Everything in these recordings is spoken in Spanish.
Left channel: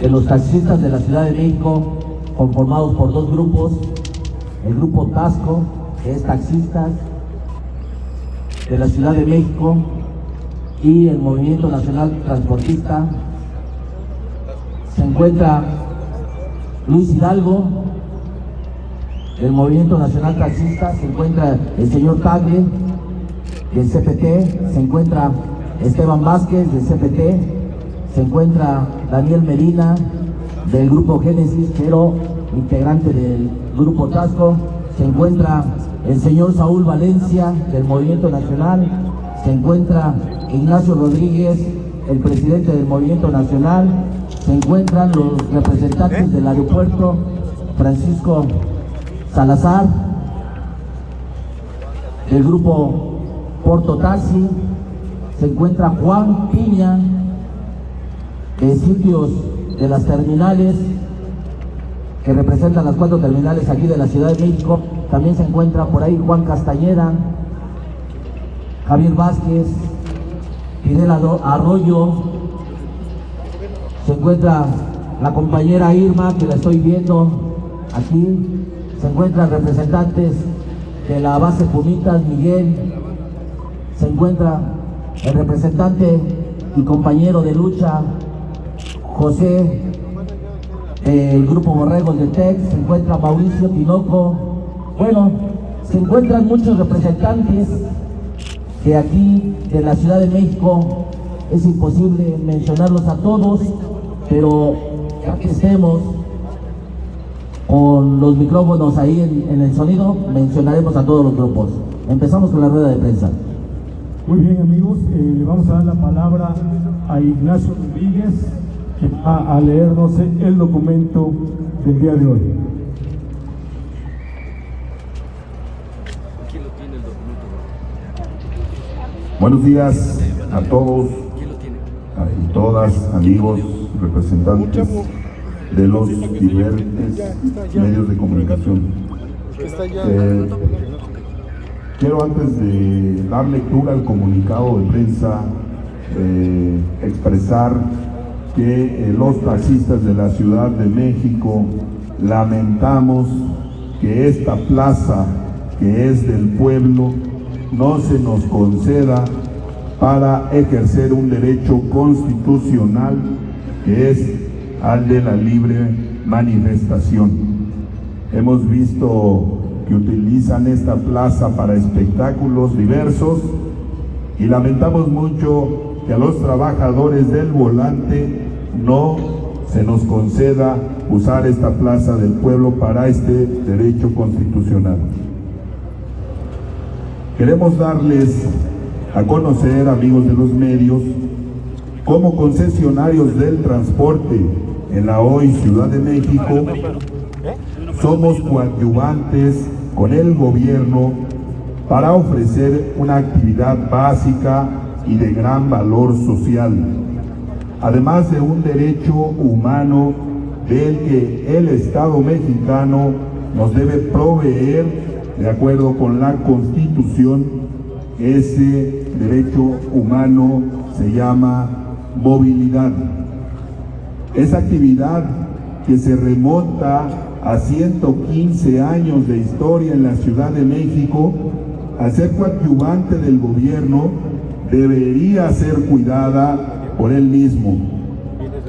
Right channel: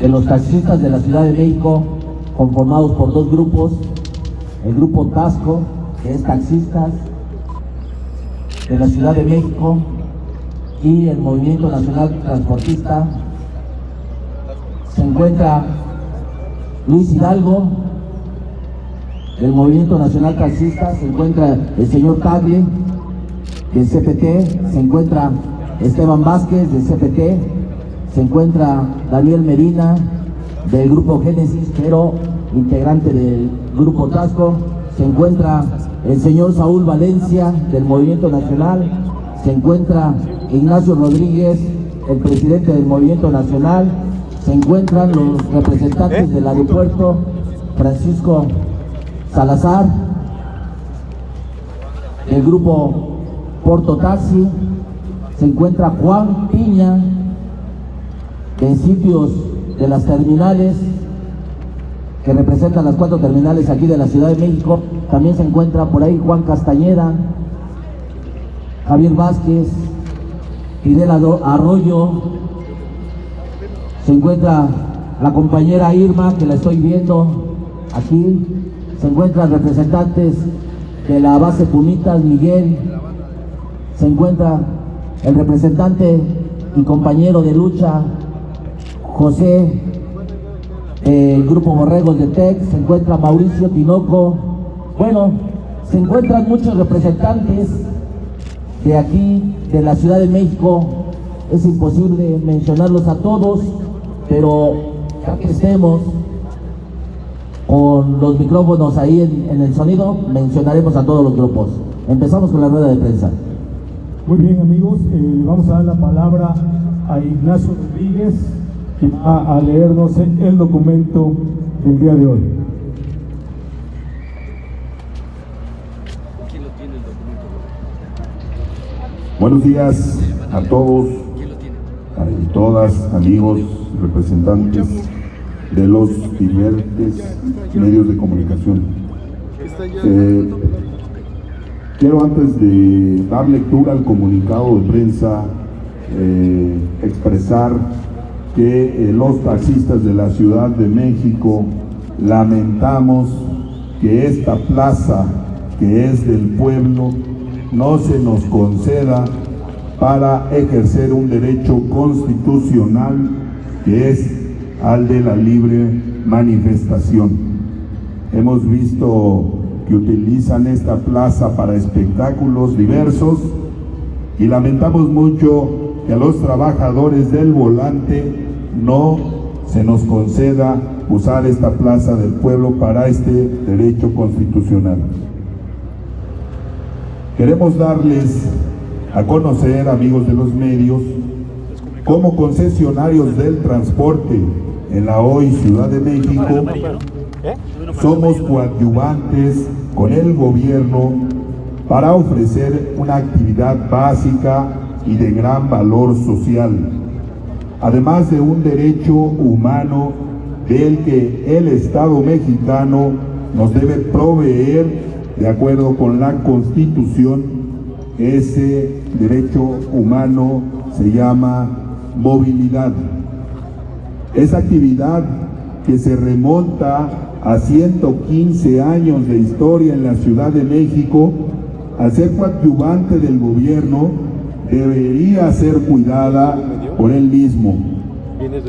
de los taxistas de la Ciudad de México, conformados por dos grupos, el grupo Tasco, que es taxistas de la Ciudad de México, y el Movimiento Nacional Transportista. Se encuentra Luis Hidalgo, del Movimiento Nacional Taxista, se encuentra el señor Tagle, del CPT, se encuentra Esteban Vázquez, del CPT, se encuentra Daniel Medina, del Grupo Génesis, pero integrante del Grupo Tasco, se encuentra el señor Saúl Valencia, del Movimiento Nacional, se encuentra Ignacio Rodríguez, el presidente del Movimiento Nacional, se encuentran los representantes del aeropuerto, Francisco Salazar, del Grupo Porto Taxi, se encuentra Juan Piña, de Sitios de las Terminales, que representan las 4 terminales aquí de la Ciudad de México. También se encuentra por ahí Juan Castañeda, Javier Vázquez, Fidel Arroyo, se encuentra la compañera Irma, que la estoy viendo aquí, se encuentran representantes de la base Punitas, Miguel, se encuentra el representante y compañero de lucha, José, del Grupo Borregos de TEC, se encuentra Mauricio Tinoco. Bueno, se encuentran muchos representantes de aquí, de la Ciudad de México. Es imposible mencionarlos a todos, pero ya que estemos con los micrófonos ahí en el sonido, mencionaremos a todos los grupos. Empezamos con la rueda de prensa. Muy bien, amigos, le vamos a dar la palabra a Ignacio Rodríguez, que va a leernos el documento del día de hoy. Buenos días a todos y todas, amigos, representantes de los diferentes medios de comunicación. Quiero, antes de dar lectura al comunicado de prensa, expresar que los taxistas de la Ciudad de México lamentamos que esta plaza, que es del pueblo, no se nos conceda para ejercer un derecho constitucional, que es al de la libre manifestación. Hemos visto que utilizan esta plaza para espectáculos diversos y lamentamos mucho que a los trabajadores del volante no se nos conceda usar esta plaza del pueblo para este derecho constitucional. Queremos darles a conocer, amigos de los medios, como concesionarios del transporte en la hoy Ciudad de México, somos coadyuvantes con el gobierno para ofrecer una actividad básica y de gran valor social, además de un derecho humano del que el Estado mexicano nos debe proveer de acuerdo con la Constitución. Ese derecho humano se llama movilidad. Esa actividad que se remonta a 115 años de historia en la Ciudad de México, al ser coadyuvante del gobierno, debería ser cuidada por él mismo.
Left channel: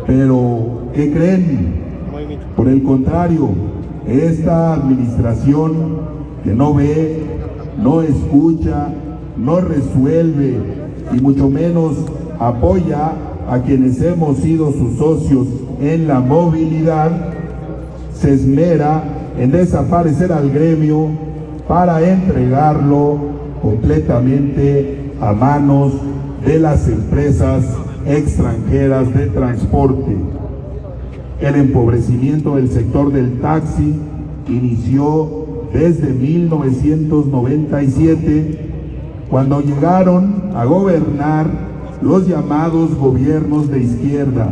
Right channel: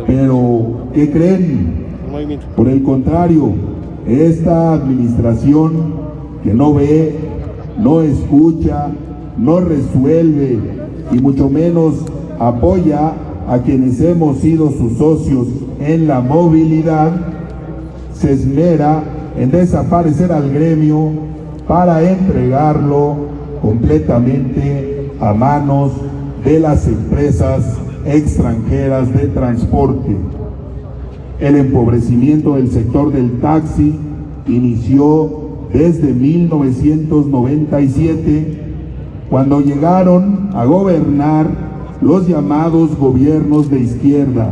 Pero, ¿qué creen? Por el contrario, esta administración que no ve, no escucha, no resuelve y mucho menos apoya a quienes hemos sido sus socios en la movilidad, se esmera en desaparecer al gremio para entregarlo completamente a manos de las empresas extranjeras de transporte. El empobrecimiento del sector del taxi inició desde 1997, cuando llegaron a gobernar los llamados gobiernos de izquierda,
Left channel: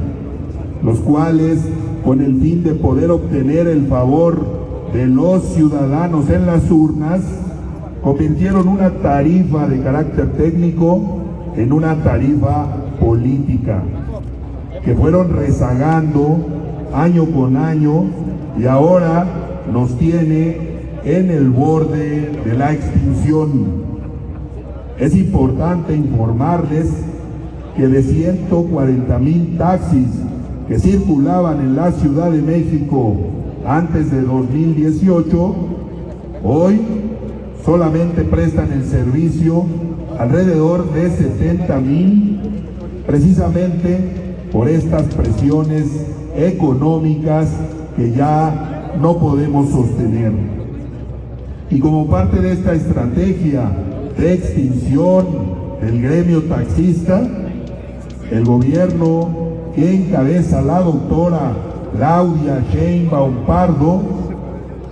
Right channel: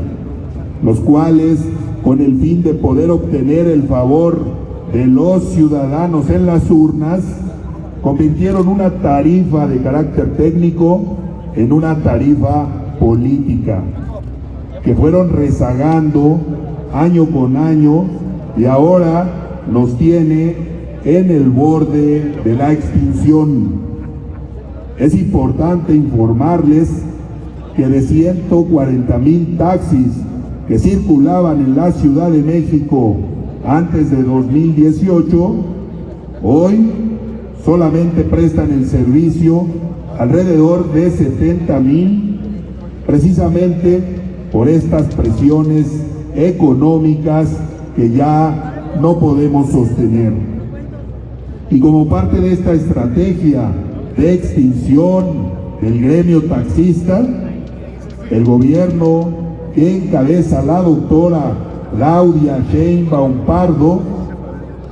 los cuales, con el fin de poder obtener el favor de los ciudadanos en las urnas, convirtieron una tarifa de carácter técnico en una tarifa política, que fueron rezagando año con año y ahora nos tiene en el borde de la extinción. Es importante informarles que de 140,000 taxis que circulaban en la Ciudad de México antes de 2018, hoy solamente prestan el servicio alrededor de 70,000, precisamente por estas presiones económicas que ya no podemos sostener. Y como parte de esta estrategia de extinción del gremio taxista, el gobierno que encabeza la doctora Claudia Sheinbaum Pardo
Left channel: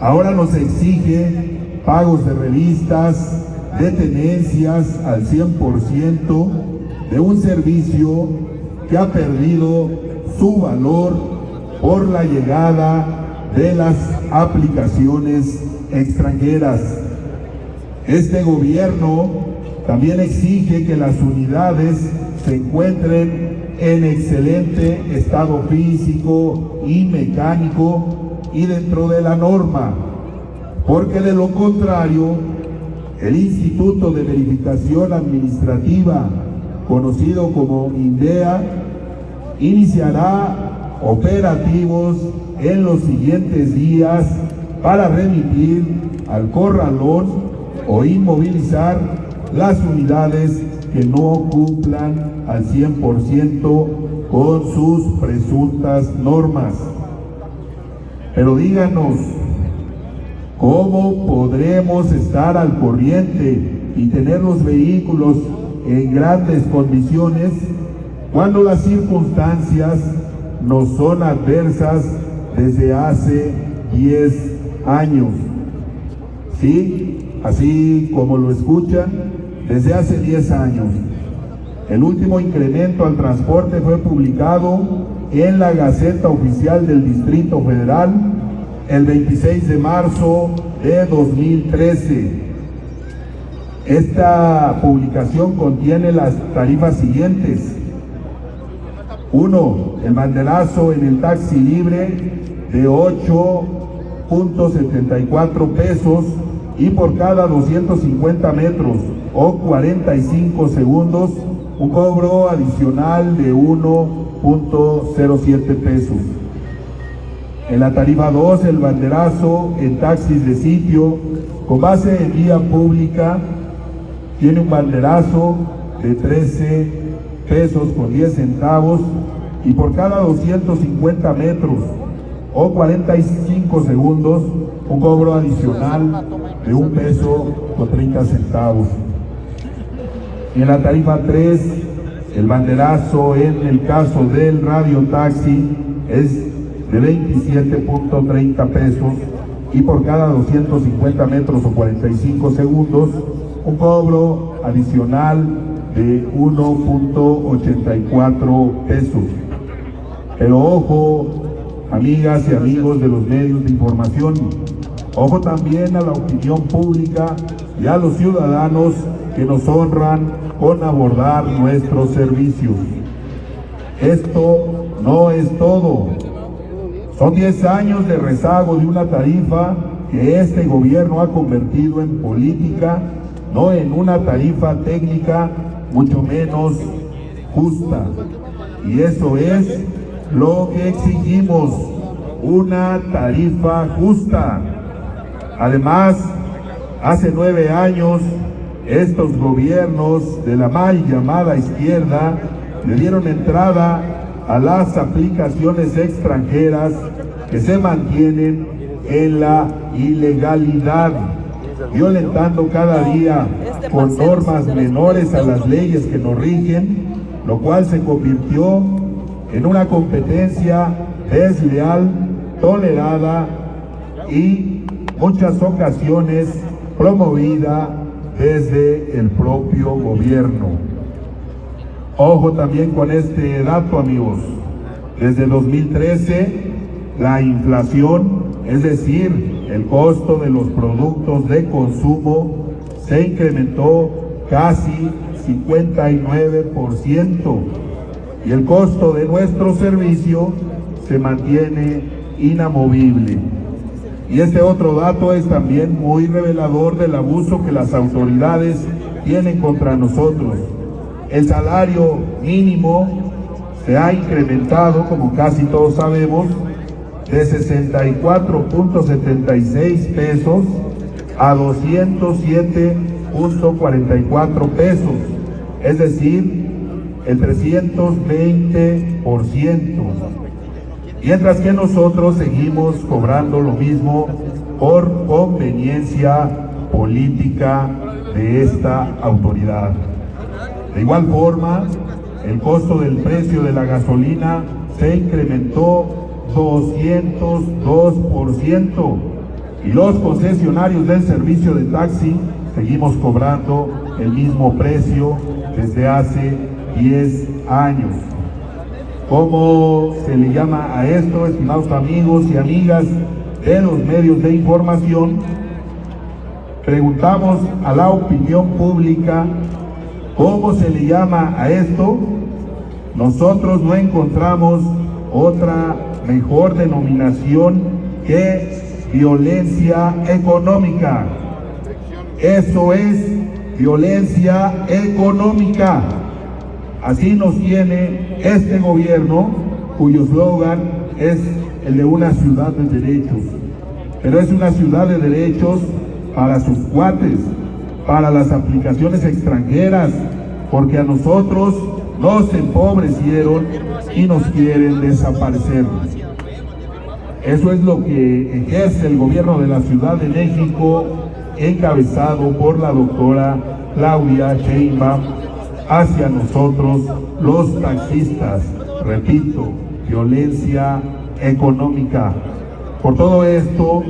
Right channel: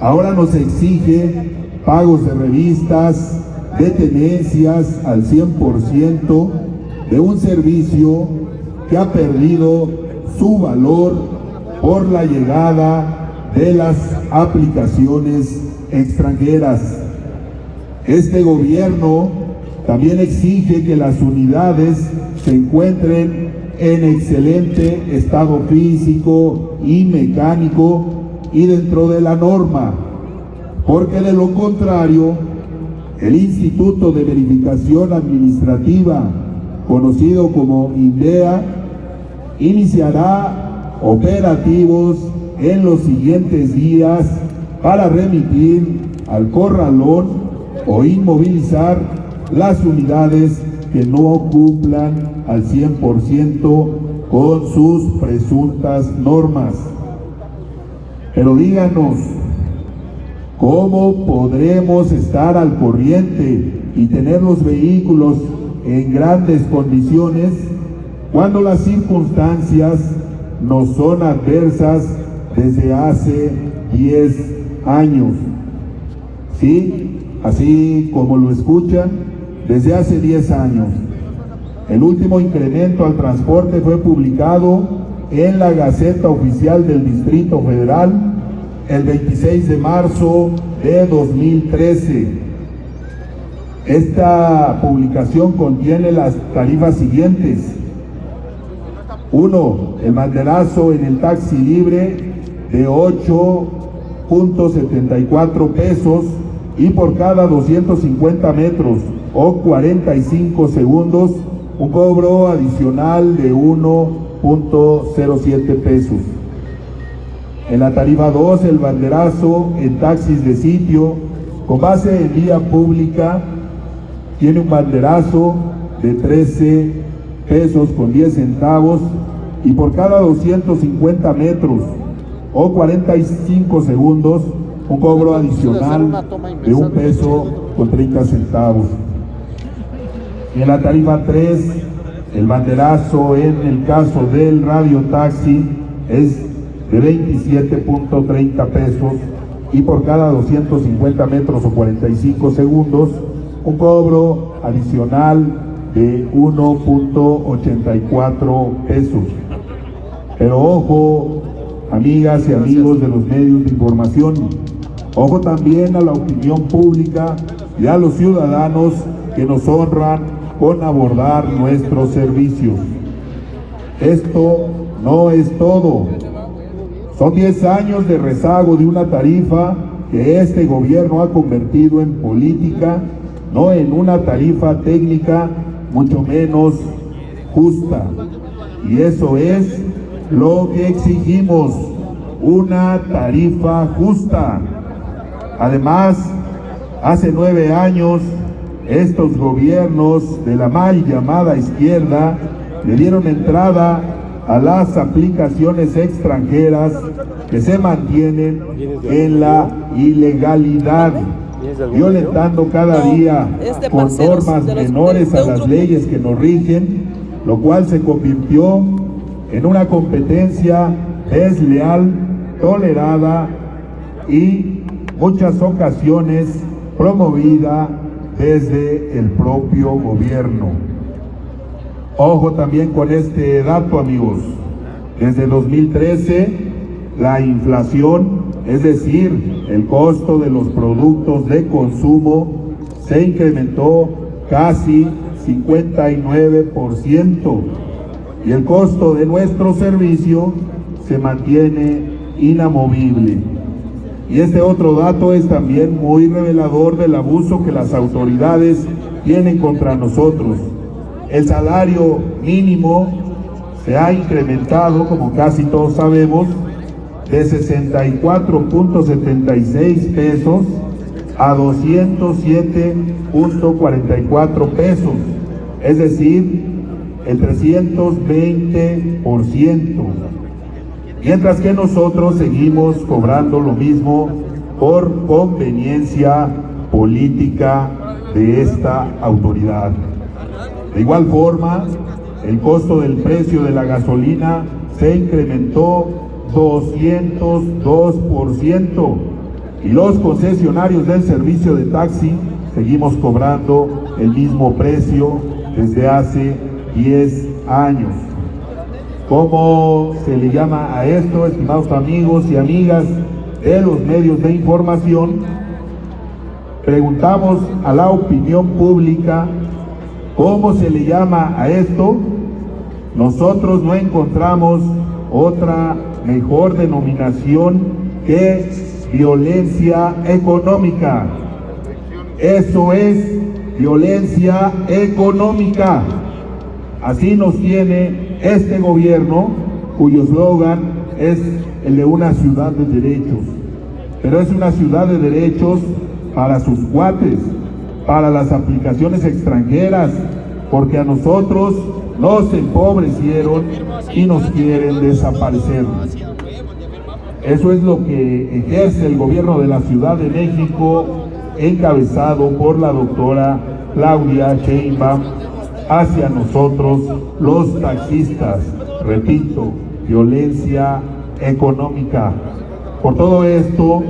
ahora nos exige pagos de revistas, de tenencias al 100% de un servicio que ha perdido su valor por la llegada de las aplicaciones extranjeras. Este gobierno también exige que las unidades se encuentren en excelente estado físico y mecánico y dentro de la norma, porque de lo contrario, el Instituto de Verificación Administrativa, conocido como INVEA, iniciará operativos en los siguientes días para remitir al corralón o inmovilizar las unidades que no cumplan al 100% con sus presuntas normas. Pero díganos, ¿cómo podremos estar al corriente y tener los vehículos en grandes condiciones cuando las circunstancias nos son adversas desde hace 10 años? Sí, así como lo escuchan, desde hace 10 años. El último incremento al transporte fue publicado en la Gaceta Oficial del Distrito Federal el 26 de marzo de 2013. Esta publicación contiene las tarifas siguientes. 1. El banderazo en el taxi libre de 8.74 pesos y por cada 250 metros o 45 segundos un cobro adicional de 1.07 pesos. En la tarifa 2, el banderazo en taxis de sitio con base en vía pública tiene un banderazo de 13 pesos con 10 centavos y por cada 250 metros o 45 segundos un cobro adicional de 1 peso con 30 centavos. En la tarifa 3, el banderazo en el caso del radiotaxi es de 27.30 pesos y por cada 250 metros o 45 segundos un cobro adicional de 1.84 pesos. Pero ojo, amigas y amigos de los medios de información, ojo también a la opinión pública y a los ciudadanos que nos honran con abordar nuestros servicios. Esto no es todo. Son 10 años de rezago de una tarifa que este gobierno ha convertido en política, no en una tarifa técnica, mucho menos justa. Y eso es lo que exigimos, una tarifa justa. Además, hace 9 años, estos gobiernos de la mal llamada izquierda le dieron entrada a las aplicaciones extranjeras que se mantienen en la ilegalidad, violentando cada día con normas menores a las leyes que nos rigen, lo cual se convirtió en una competencia desleal, tolerada y muchas ocasiones promovida desde el propio gobierno. Ojo también con este dato, amigos. Desde 2013, la inflación, es decir, el costo de los productos de consumo, se incrementó casi 59%. y el costo de nuestro servicio se mantiene inamovible. Y este otro dato es también muy revelador del abuso que las autoridades tienen contra nosotros. El salario mínimo se ha incrementado, como casi todos sabemos, de 64.76 pesos a 207.44 pesos, es decir, el 320%, mientras que nosotros seguimos cobrando lo mismo por conveniencia política de esta autoridad. De igual forma, el costo del precio de la gasolina se incrementó 202%, y los concesionarios del servicio de taxi seguimos cobrando el mismo precio desde hace 10 años. ¿Cómo se le llama a esto, estimados amigos y amigas de los medios de información? Preguntamos a la opinión pública cómo se le llama a esto. Nosotros no encontramos otra mejor denominación que violencia económica. Eso es violencia económica. Así nos tiene este gobierno, cuyo eslogan es el de una ciudad de derechos. Pero es una ciudad de derechos para sus cuates, para las aplicaciones extranjeras, porque a nosotros nos empobrecieron y nos quieren desaparecer. Eso es lo que ejerce el gobierno de la Ciudad de México, encabezado por la doctora Claudia Sheinbaum, hacia nosotros los taxistas. Repito, violencia económica. Por todo esto,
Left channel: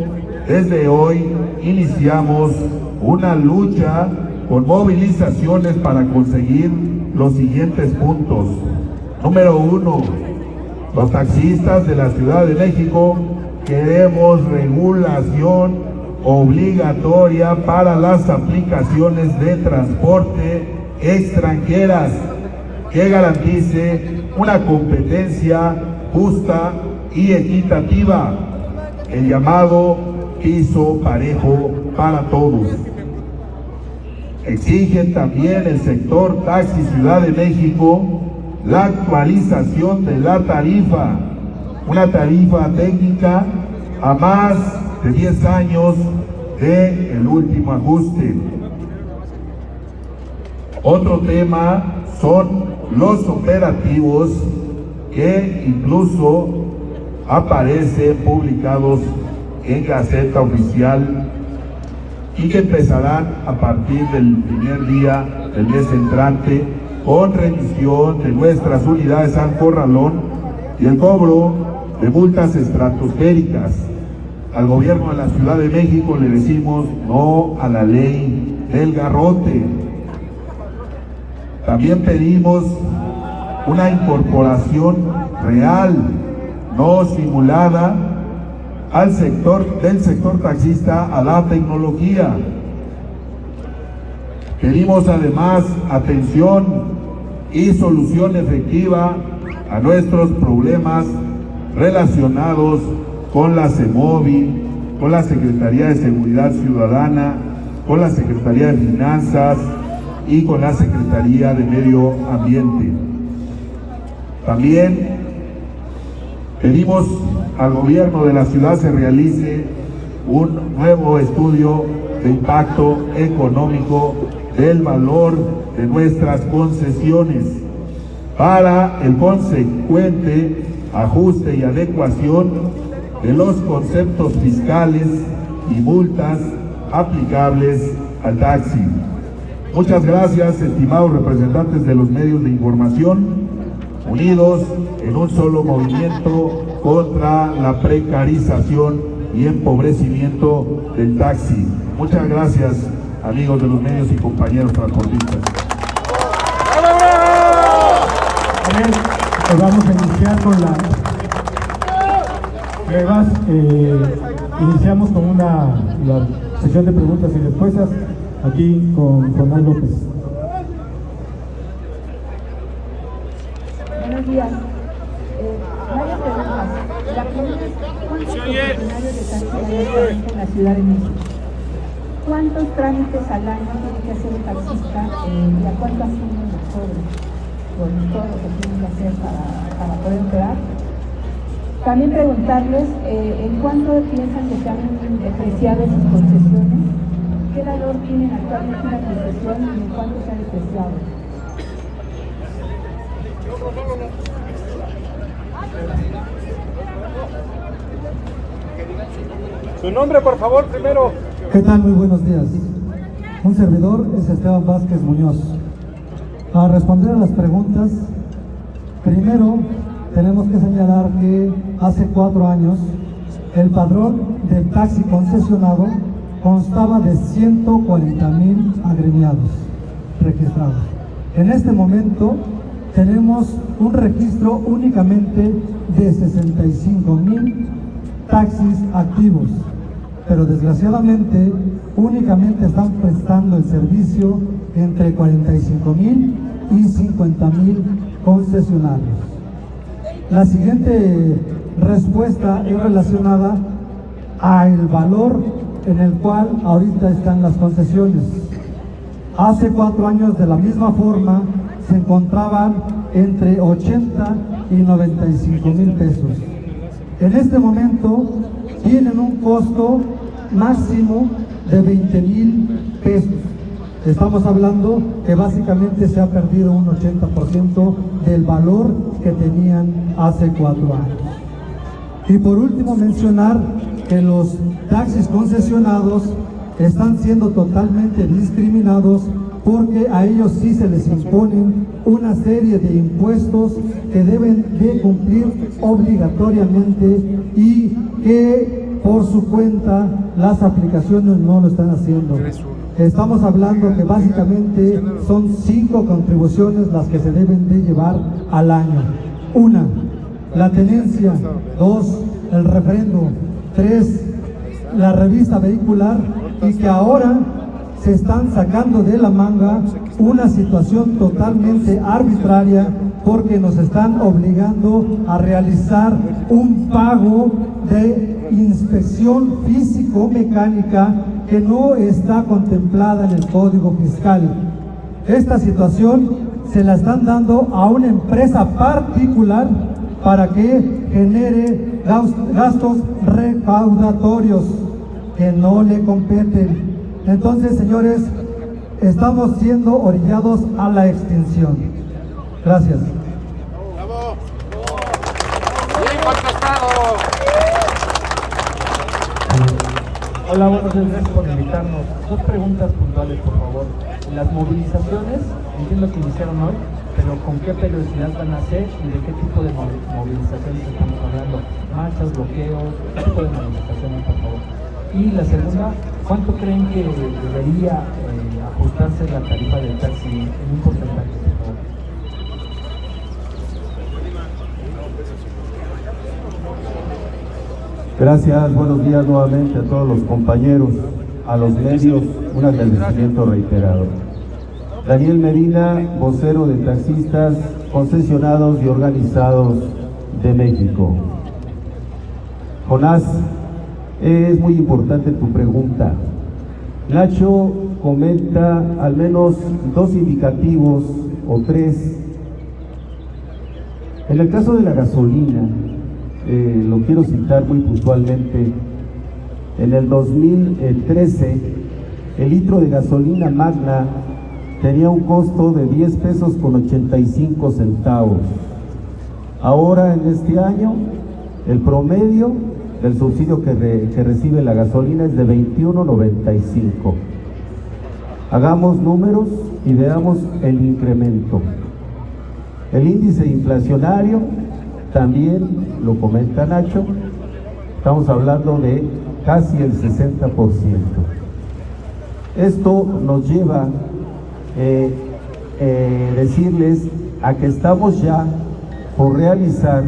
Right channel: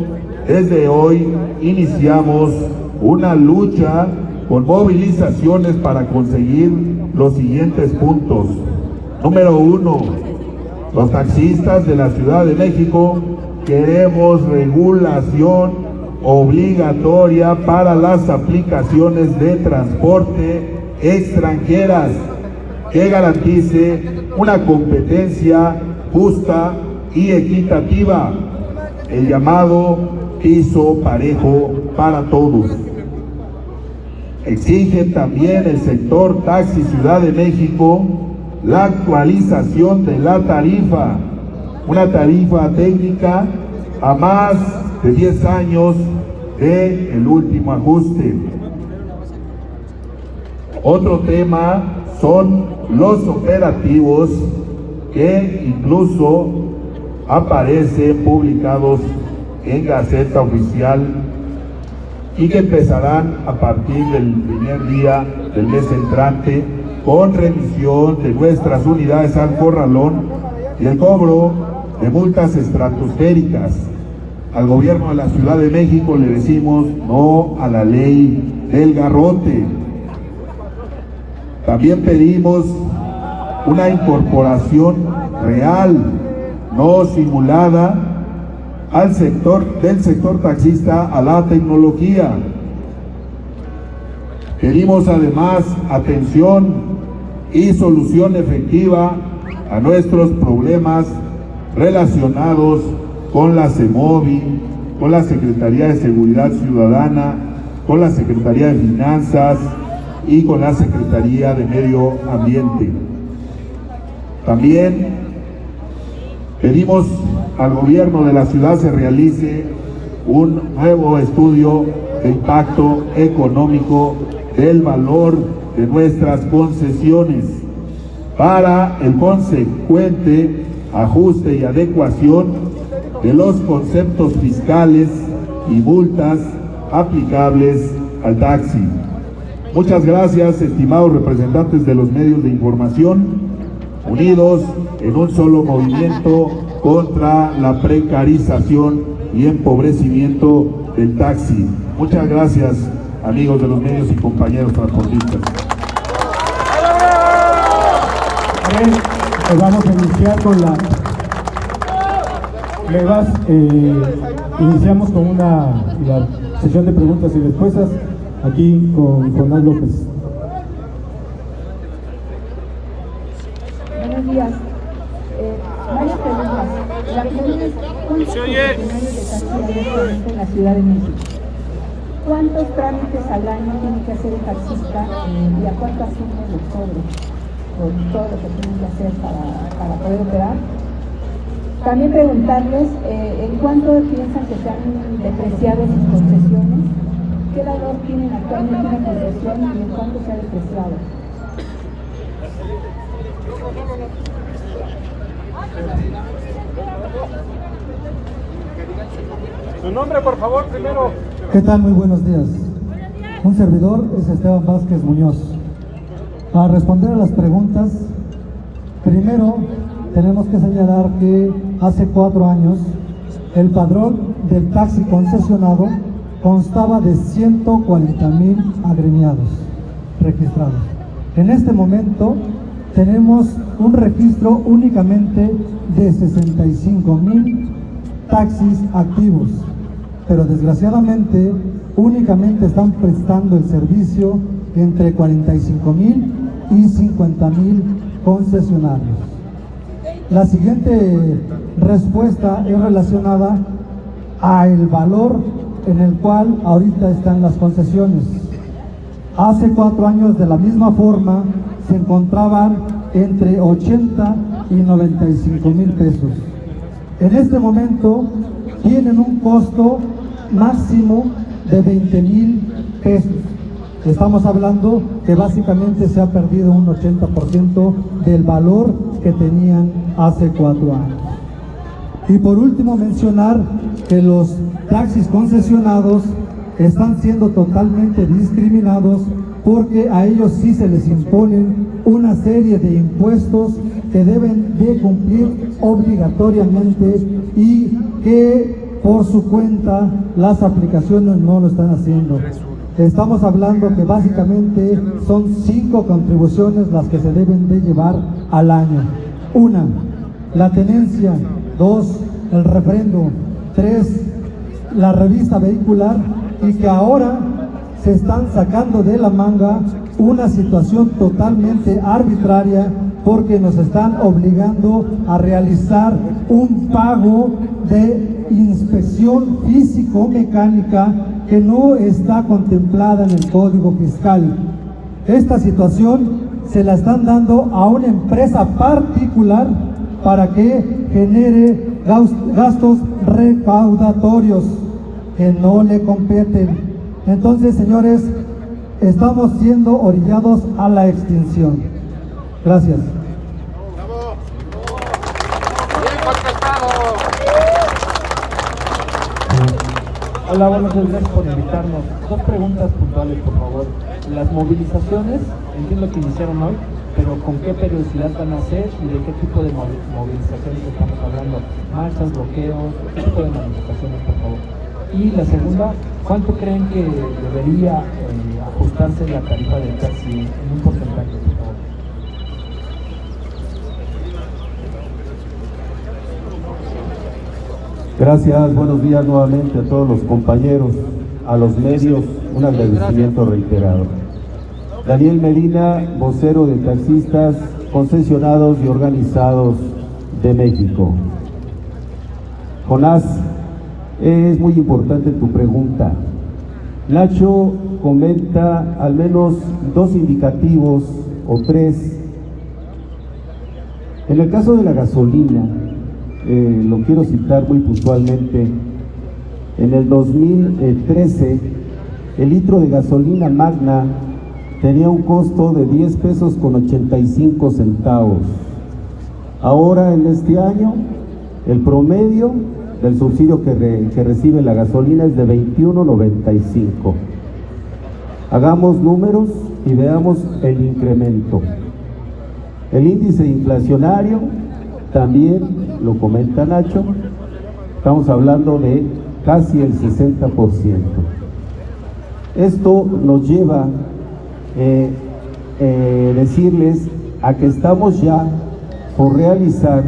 desde hoy iniciamos una lucha con movilizaciones para conseguir los siguientes puntos. Número 1, los taxistas de la Ciudad de México queremos regulación obligatoria para las aplicaciones de transporte extranjeras que garantice una competencia justa y equitativa, el llamado piso parejo para todos. Exigen también el sector taxi Ciudad de México la actualización de la tarifa, una tarifa técnica a más de 10 años del último ajuste. Otro tema son los operativos que incluso aparecen publicados en Gaceta Oficial y que empezarán a partir del primer día del mes entrante con remisión de nuestras unidades al corralón y el cobro de multas estratosféricas. Al gobierno de la Ciudad de México le decimos no a la ley del garrote. También pedimos una incorporación real, no simulada, del sector taxista a la tecnología. Pedimos además atención y solución efectiva a nuestros problemas relacionados con la CEMOVI, con la Secretaría de Seguridad Ciudadana, con la Secretaría de Finanzas y con la Secretaría de Medio Ambiente. También pedimos al gobierno de la ciudad se realice un nuevo estudio de impacto económico del valor de nuestras concesiones para el consecuente ajuste y adecuación de los conceptos fiscales y multas aplicables al taxi. Muchas gracias, estimados representantes de los medios de información, unidos en un solo movimiento contra la precarización y empobrecimiento del taxi. Muchas gracias, amigos de los medios y compañeros transportistas. Vamos a iniciar con iniciamos con la sesión de preguntas y respuestas aquí con Juan López. buenos días. Varias preguntas. La primera es, ¿cuántos concesionarios de taxi hay actualmente en la Ciudad de México? ¿Cuántos trámites al año tiene que hacer el taxista y a cuánto ascienden los cobros por todo lo que tienen que hacer para poder operar? También preguntarles en cuánto piensan que se han depreciado sus concesiones, qué valor tienen actualmente en concesión y en cuánto se ha depreciado. Su nombre, por favor, primero. ¿Qué tal? Muy buenos días. Un servidor es Esteban Vázquez Muñoz. Para responder a las preguntas, primero tenemos que señalar que hace 4 años el padrón del taxi concesionado constaba de 140,000 agremiados registrados. En este momento tenemos un registro únicamente de 65,000 taxis activos, pero desgraciadamente únicamente están prestando el servicio entre 45,000 y 50,000 concesionarios. La siguiente respuesta es relacionada al valor en el cual ahorita están las concesiones. Hace 4 años, de la misma forma, se encontraban entre 80 y 95,000 pesos. En este momento tienen un costo máximo de 20,000 pesos. Estamos hablando que básicamente se ha perdido un 80% del valor que tenían hace 4 años. Y por último, mencionar que los taxis concesionados están siendo totalmente discriminados porque a ellos sí se les imponen una serie de impuestos que deben de cumplir obligatoriamente y que por su cuenta las aplicaciones no lo están haciendo. Estamos hablando que básicamente son 5 contribuciones las que se deben de llevar al año. 1, la tenencia. 2, el refrendo. 3, la revista vehicular, y que ahora se están sacando de la manga una situación totalmente arbitraria porque nos están obligando a realizar un pago de inspección físico-mecánica que no está contemplada en el Código Fiscal. Esta situación se la están dando a una empresa particular para que genere gastos recaudatorios que no le competen. Entonces, señores, estamos siendo orillados a la extinción. Gracias. Hola, buenos días, gracias por invitarnos. 2 preguntas puntuales, por favor. Las movilizaciones, entiendo que iniciaron hoy, pero ¿con qué periodicidad van a ser y de qué tipo de movilizaciones estamos hablando? ¿Marchas, bloqueos? ¿Qué tipo de movilizaciones, por favor? Y la segunda, ¿cuánto creen que debería ajustarse la tarifa del taxi en un porcentaje? Gracias, buenos días nuevamente a todos los compañeros, a los medios, un agradecimiento reiterado. Daniel Medina, vocero de taxistas concesionados y organizados de México. Jonás, es muy importante tu pregunta. Nacho comenta al menos 2 indicativos o 3. En el caso de la gasolina, lo quiero citar muy puntualmente. En el 2013, el litro de gasolina magna tenía un costo de 10 pesos con 85 centavos. Ahora, en este año, el promedio del subsidio que recibe la gasolina es de 21.95. Hagamos números y veamos el incremento. El índice inflacionario también lo comenta Nacho, estamos hablando de casi el 60%. Esto nos lleva a decirles a que estamos ya por realizar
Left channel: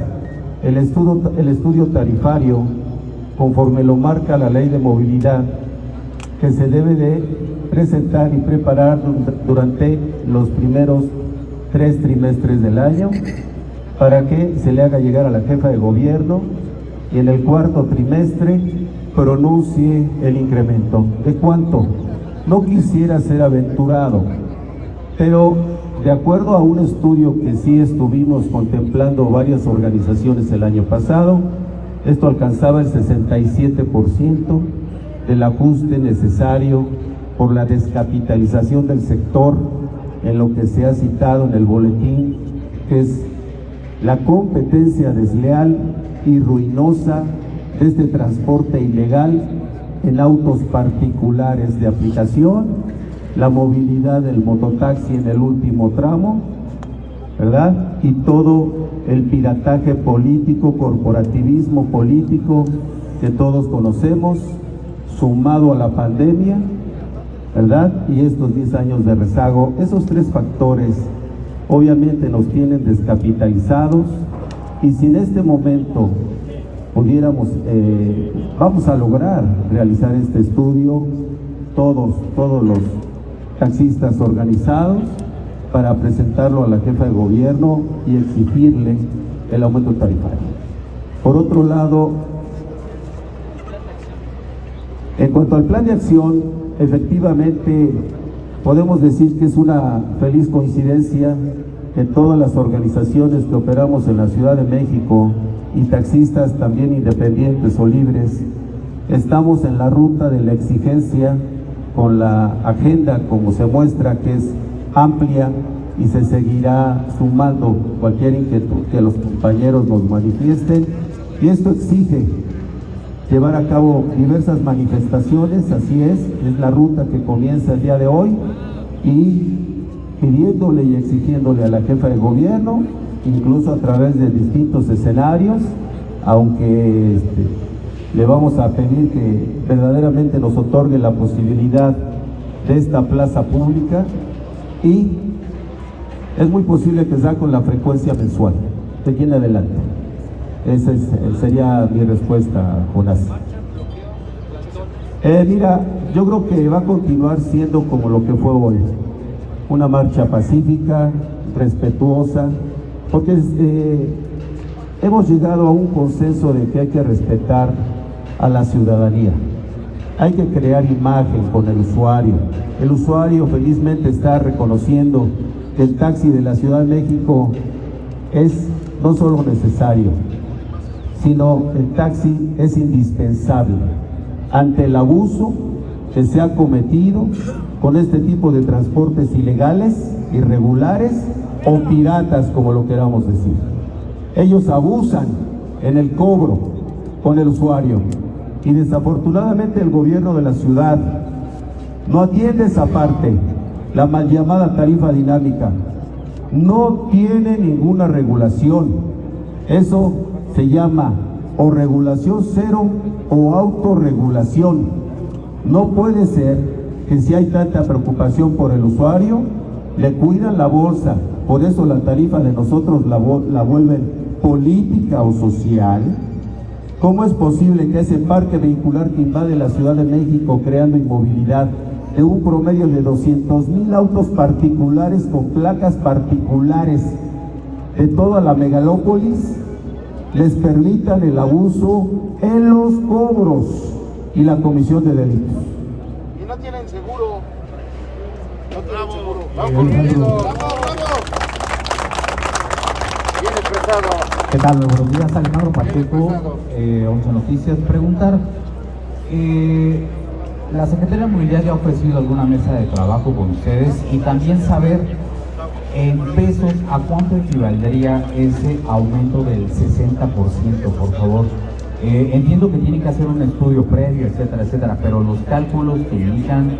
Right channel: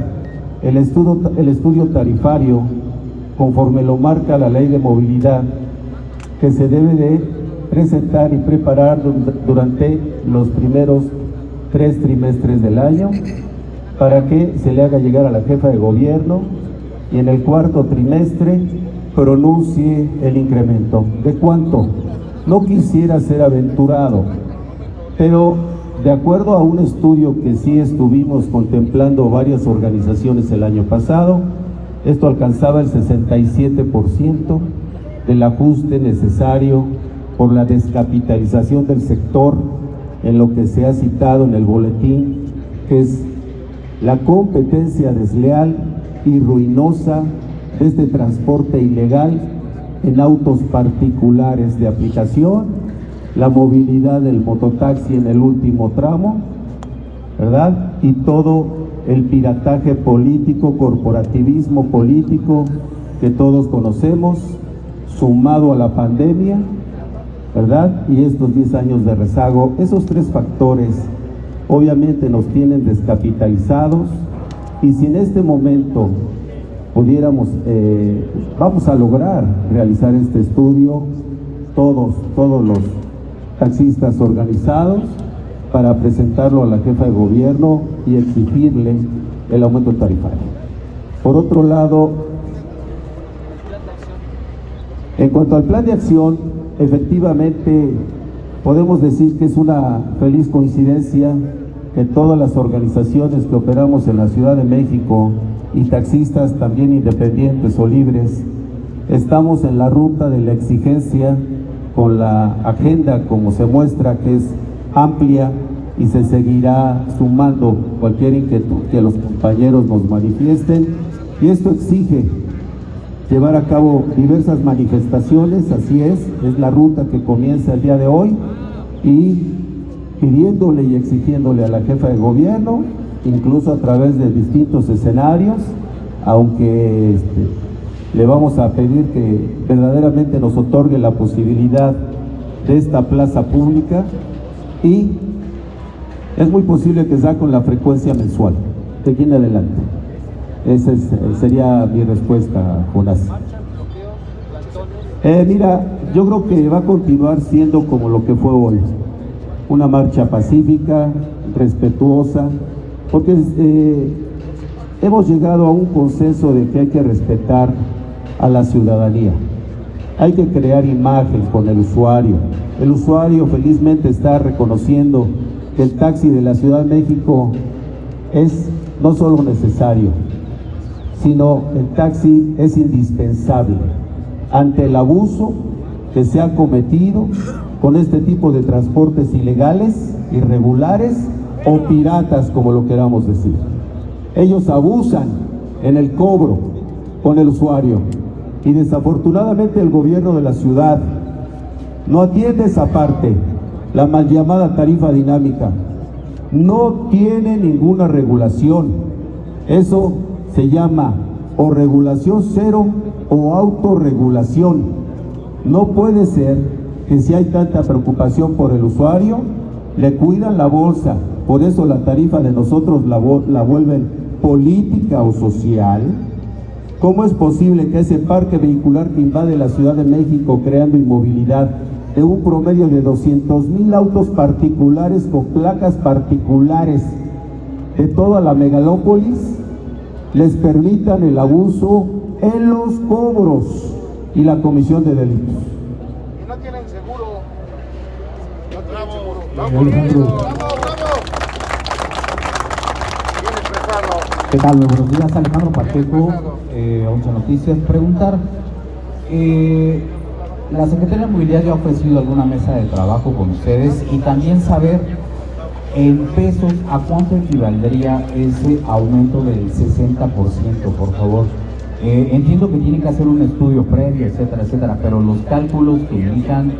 el estudio tarifario conforme lo marca la Ley de Movilidad, que se debe de presentar y preparar durante los primeros 3 trimestres del año, para que se le haga llegar a la jefa de gobierno y en el cuarto trimestre pronuncie el incremento. ¿De cuánto? No quisiera ser aventurado, pero de acuerdo a un estudio que sí estuvimos contemplando varias organizaciones el año pasado, esto alcanzaba el 67% del ajuste necesario por la descapitalización del sector, en lo que se ha citado en el boletín, que es la competencia desleal y ruinosa de este transporte ilegal en autos particulares de aplicación, la movilidad del mototaxi en el último tramo, ¿verdad? Y todo el pirataje político, corporativismo político que todos conocemos, sumado a la pandemia, ¿verdad? Y estos 10 años de rezago. Esos tres factores obviamente nos tienen descapitalizados, y si en este momento pudiéramos, vamos a lograr realizar este estudio, todos los taxistas organizados, para presentarlo a la jefa de gobierno y exigirle el aumento tarifario. Por otro lado, en cuanto al plan de acción, efectivamente podemos decir que es una feliz coincidencia que todas las organizaciones que operamos en la Ciudad de México y taxistas también independientes o libres, estamos en la ruta de la exigencia, con la agenda como se muestra, que es amplia, y se seguirá sumando cualquier inquietud que los compañeros nos manifiesten, y esto exige llevar a cabo diversas manifestaciones. Así es la ruta que comienza el día de hoy, y pidiéndole y exigiéndole a la jefa de gobierno, incluso a través de distintos escenarios, aunque le vamos a pedir que verdaderamente nos otorgue la posibilidad de esta plaza pública, y es muy posible que sea con la frecuencia mensual, de aquí en adelante. Esa sería mi respuesta, Jonás. Mira, yo creo que va a continuar siendo como lo que fue hoy, una marcha pacífica, respetuosa, porque hemos llegado a un consenso de que hay que respetar a la ciudadanía. Hay que crear imagen con el usuario. El usuario felizmente está reconociendo que el taxi de la Ciudad de México es no solo necesario, sino el taxi es indispensable ante el abuso que se ha cometido con este tipo de transportes ilegales, irregulares o piratas, como lo queramos decir. Ellos abusan en el cobro con el usuario, y desafortunadamente el gobierno de la ciudad no atiende esa parte, la mal llamada tarifa dinámica. No tiene ninguna regulación. Eso se llama o regulación cero o autorregulación. No puede ser que, si hay tanta preocupación por el usuario, le cuidan la bolsa. Por eso la tarifa de nosotros la vuelven política o social. ¿Cómo es posible que ese parque vehicular que invade la Ciudad de México, creando inmovilidad de un promedio de 200,000 autos particulares con placas particulares de toda la megalópolis, les permitan el abuso en los cobros y la comisión de delitos? Y no tienen seguro. Bravo. Bien expresado. ¿Qué tal? Buenos días, Alejandro Pacheco, 11 Noticias. Preguntar, la Secretaría de Movilidad ya ha ofrecido alguna mesa de trabajo con ustedes, y también saber en pesos a cuánto equivaldría ese aumento del 60%, por favor. Entiendo que tienen que hacer un estudio previo, etcétera, etcétera, pero los cálculos que indican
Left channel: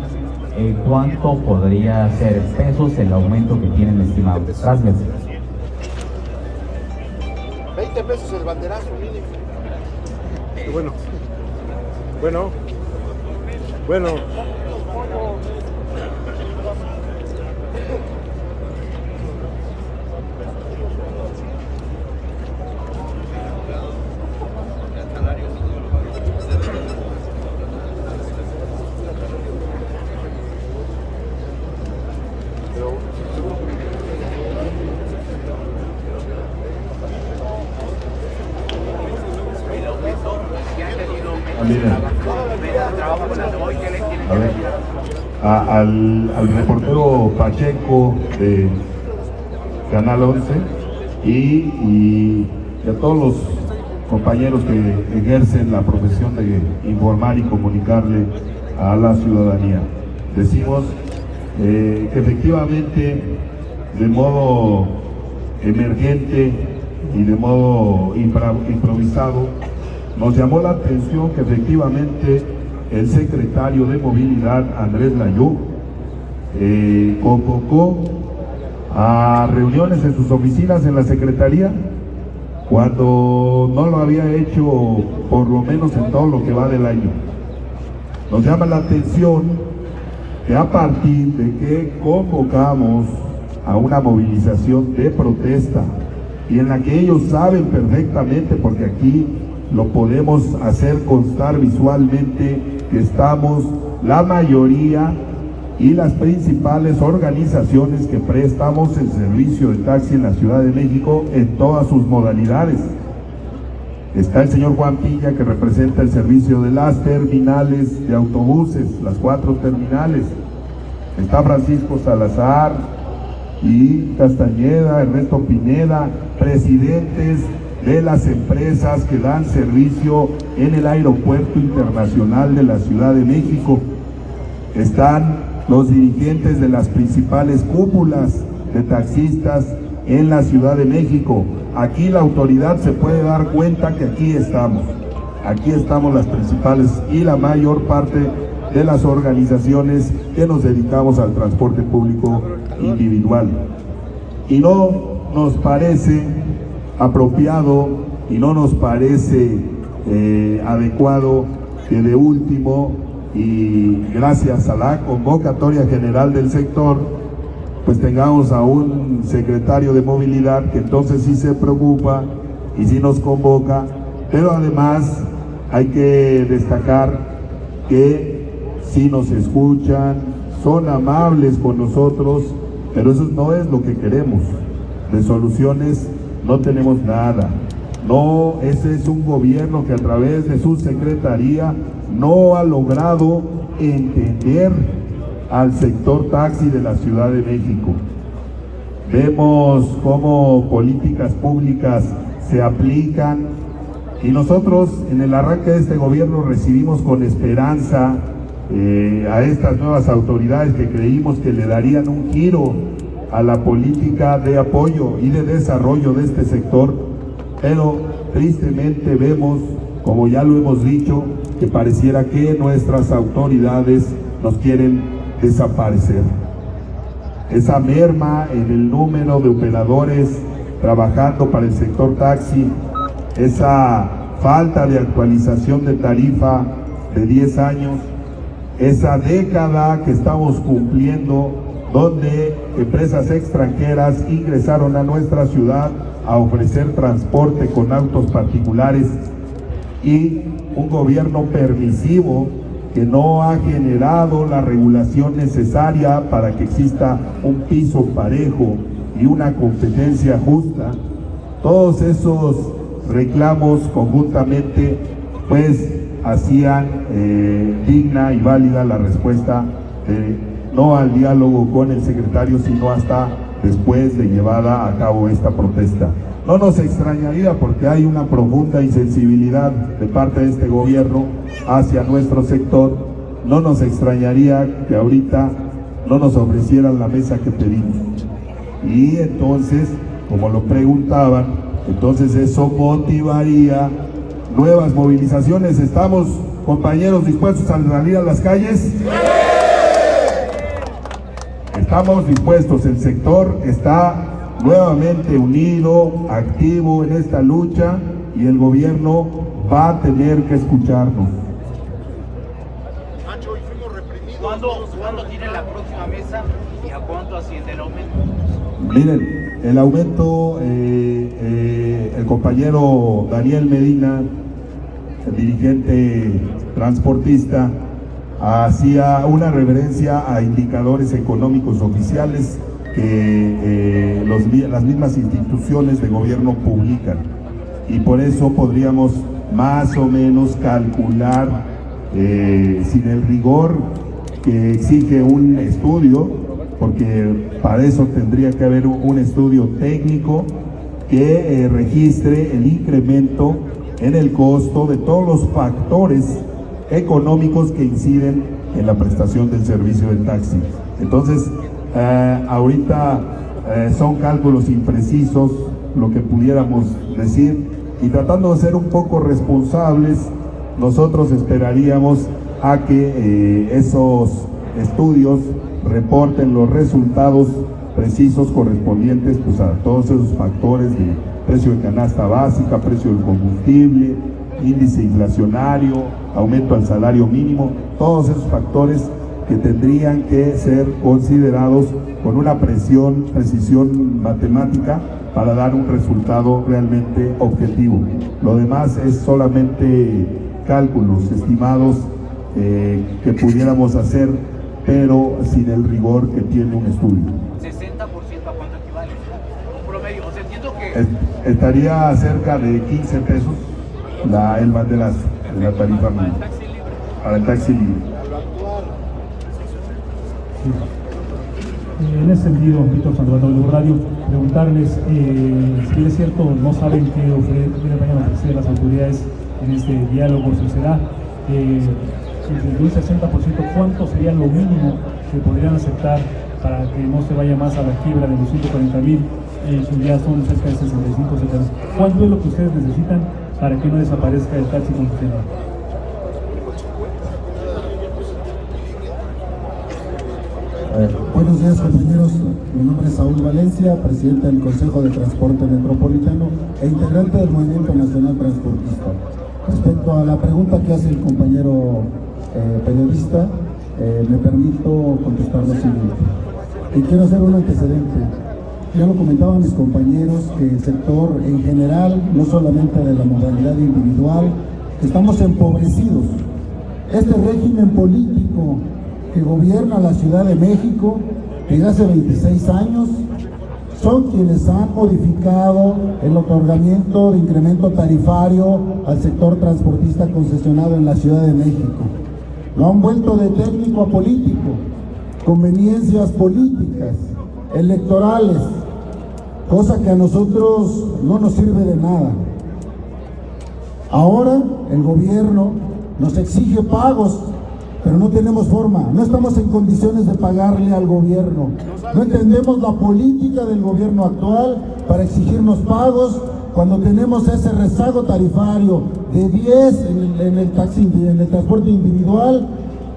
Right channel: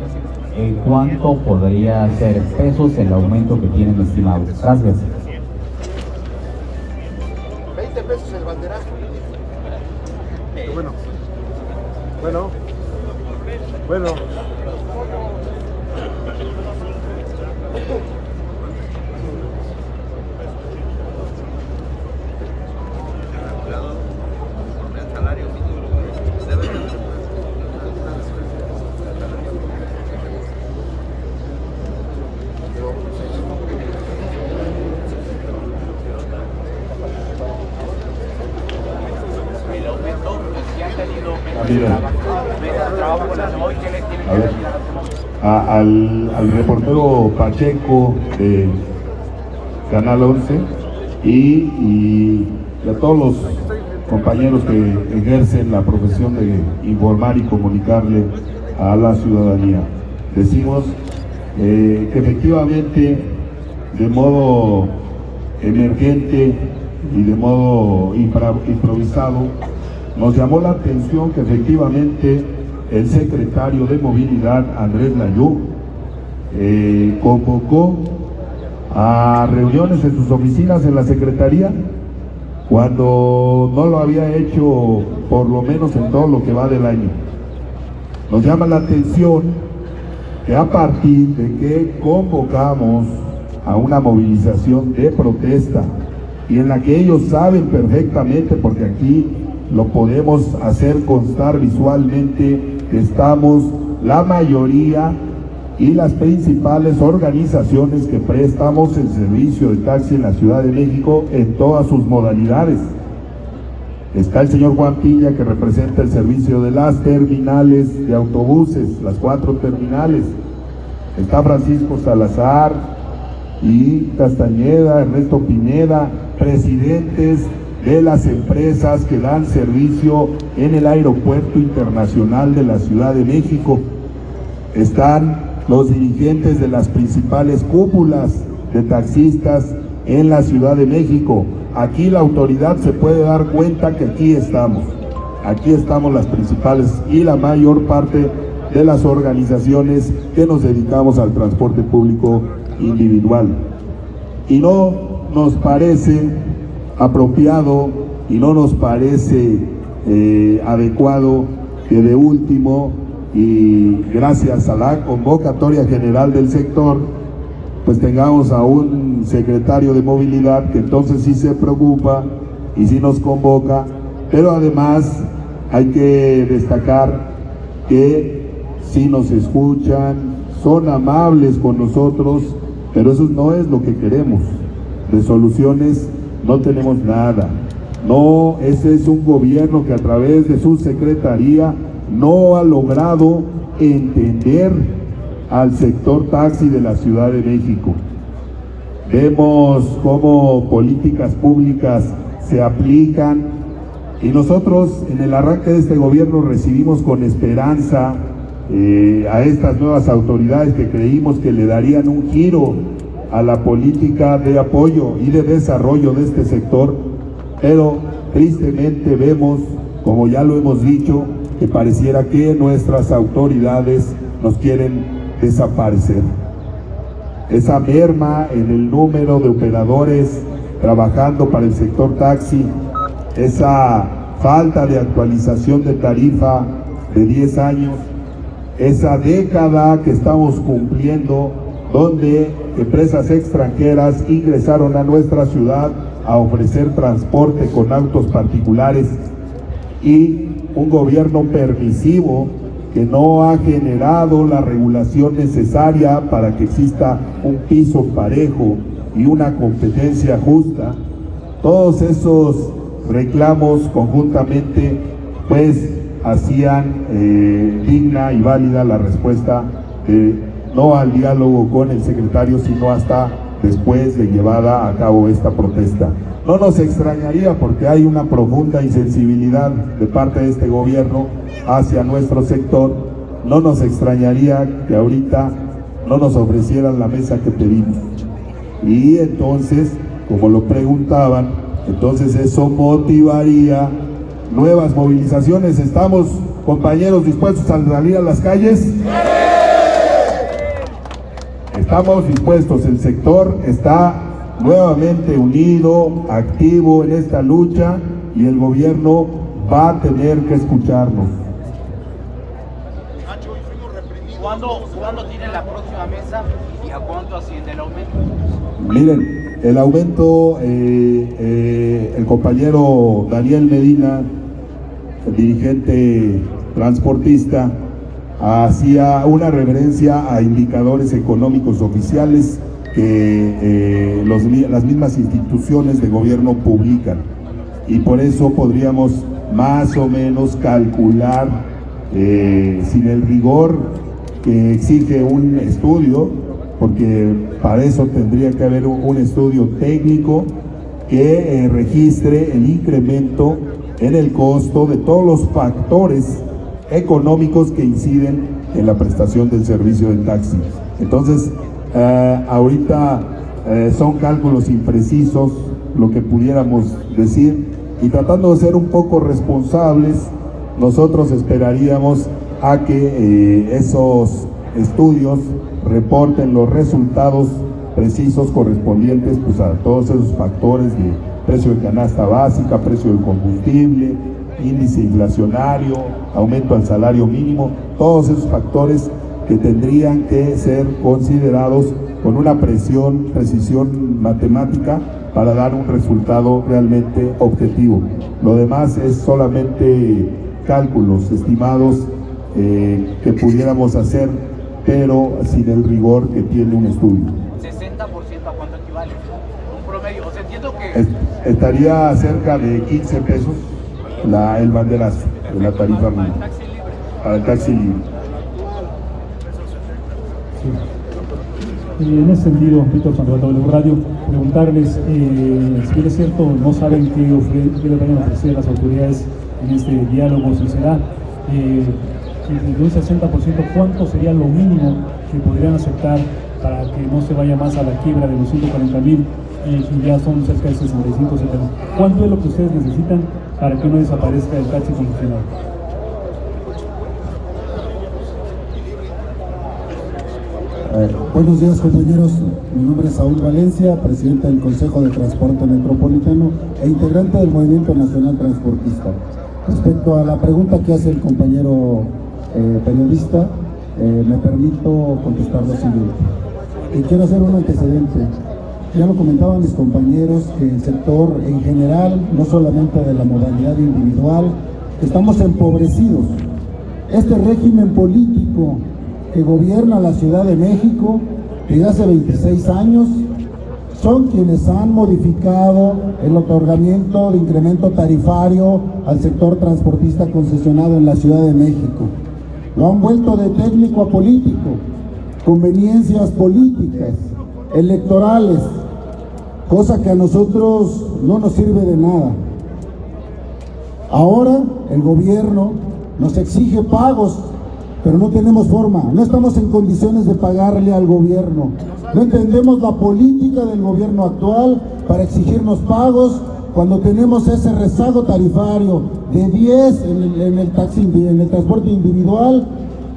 cuánto podría ser pesos el aumento que tienen estimado. Gracias. 20 pesos el banderazo mínimo. Bueno. Miren, a ver, al reportero Pacheco de Canal 11 y a todos los compañeros que ejercen la profesión de informar y comunicarle a la ciudadanía. Decimos que efectivamente, de modo emergente y de modo improvisado, nos llamó la atención que efectivamente el secretario de Movilidad, Andrés Layú, convocó a reuniones en sus oficinas en la Secretaría, cuando no lo había hecho por lo menos en todo lo que va del año. Nos llama la atención que a partir de que convocamos a una movilización de protesta y en la que ellos saben perfectamente, porque aquí lo podemos hacer constar visualmente, que estamos la mayoría y las principales organizaciones que prestamos el servicio de taxi en la Ciudad de México en todas sus modalidades. Está el señor Juan Piña, que representa el servicio de las terminales de autobuses, las 4 terminales. Está Francisco Salazar y Castañeda, Ernesto Pineda, presidentes de las empresas que dan servicio en el Aeropuerto Internacional de la Ciudad de México. Están los dirigentes de las principales cúpulas de taxistas en la Ciudad de México. Aquí la autoridad se puede dar cuenta que aquí estamos las principales y la mayor parte de las organizaciones que nos dedicamos al transporte público individual. Y no nos parece apropiado y no nos parece adecuado que de último, y gracias a la convocatoria general del sector, pues tengamos a un secretario de movilidad que entonces sí se preocupa y sí nos convoca, pero además hay que destacar que sí nos escuchan, son amables con nosotros, pero eso no es lo que queremos. De soluciones no tenemos nada. No, ese es un gobierno que a través de su secretaría no ha logrado entender al sector taxi de la Ciudad de México. Vemos cómo políticas públicas se aplican y nosotros en el arranque de este gobierno recibimos con esperanza a estas nuevas autoridades que creímos que le darían un giro a la política de apoyo y de desarrollo de este sector, pero tristemente vemos, como ya lo hemos dicho, que pareciera que nuestras autoridades nos quieren desaparecer. Esa merma en el número de operadores trabajando para el sector taxi, esa falta de actualización de tarifa de 10 años, esa década que estamos cumpliendo, donde empresas extranjeras ingresaron a nuestra ciudad a ofrecer transporte con autos particulares, y un gobierno permisivo que no ha generado la regulación necesaria para que exista un piso parejo y una competencia justa. Todos esos reclamos conjuntamente pues hacían digna y válida la respuesta no al diálogo con el secretario, sino hasta después de llevada a cabo esta protesta. No nos extrañaría, porque hay una profunda insensibilidad de parte de este gobierno hacia nuestro sector, no nos extrañaría que ahorita no nos ofrecieran la mesa que pedimos. Y entonces, como lo preguntaban, entonces eso motivaría nuevas movilizaciones. ¿Estamos, compañeros, dispuestos a salir a las calles? Estamos dispuestos, el sector está nuevamente unido, activo en esta lucha, y el gobierno va a tener que escucharnos. Nacho, y fuimos reprimidos. ¿Cuándo tiene la próxima mesa y a cuánto asciende el aumento? Miren, el aumento, el compañero Daniel Medina, el dirigente transportista, hacía una referencia a indicadores económicos oficiales que las mismas instituciones de gobierno publican, y por eso podríamos más o menos calcular sin el rigor que exige un estudio, porque para eso tendría que haber un estudio técnico que registre el incremento en el costo de todos los factores económicos que inciden en la prestación del servicio de taxi. Entonces, ahorita son cálculos imprecisos lo que pudiéramos decir, y tratando de ser un poco responsables, nosotros esperaríamos a que esos estudios reporten los resultados precisos correspondientes pues a todos esos factores de precio de canasta básica, precio del combustible, índice inflacionario, aumento al salario mínimo, todos esos factores que tendrían que ser considerados con una precisión matemática para dar un resultado realmente objetivo. Lo demás es solamente cálculos estimados que pudiéramos hacer, pero sin el rigor que tiene un estudio. 60% a cuánto equivale, un promedio, o sea, entiendo que estaría cerca de 15 pesos el banderazo de la tarifa mínima para el taxi libre. Sí. Y en ese sentido, Víctor Sandoval del Radio, preguntarles si es cierto, no saben qué le vayan a ofrecer las autoridades en este diálogo, si será entre un 60%, ¿cuánto sería lo mínimo que podrían aceptar para que no se vaya más a la quiebra de los 140,000? Ya son cerca de 65, 70. ¿Cuánto es lo que ustedes necesitan para que no desaparezca el taxi congestionado? Buenos días, compañeros. Mi nombre es Saúl Valencia, presidente del Consejo de Transporte Metropolitano e integrante del Movimiento Nacional Transportista. Respecto a la pregunta que hace el compañero periodista, me permito contestar lo siguiente. Y quiero hacer un antecedente. Ya lo comentaban mis compañeros que el sector en general, no solamente de la modalidad individual, estamos empobrecidos. Este régimen político que gobierna la Ciudad de México desde hace 26 años son quienes han modificado el otorgamiento de incremento tarifario al sector transportista concesionado en la Ciudad de México. Lo han vuelto de técnico a político, conveniencias políticas, electorales, cosa que a nosotros no nos sirve de nada. Ahora el gobierno nos exige pagos, pero no tenemos forma, no estamos en condiciones de pagarle al gobierno. No entendemos la política del gobierno actual para exigirnos pagos cuando tenemos ese rezago tarifario de 10 en el transporte individual,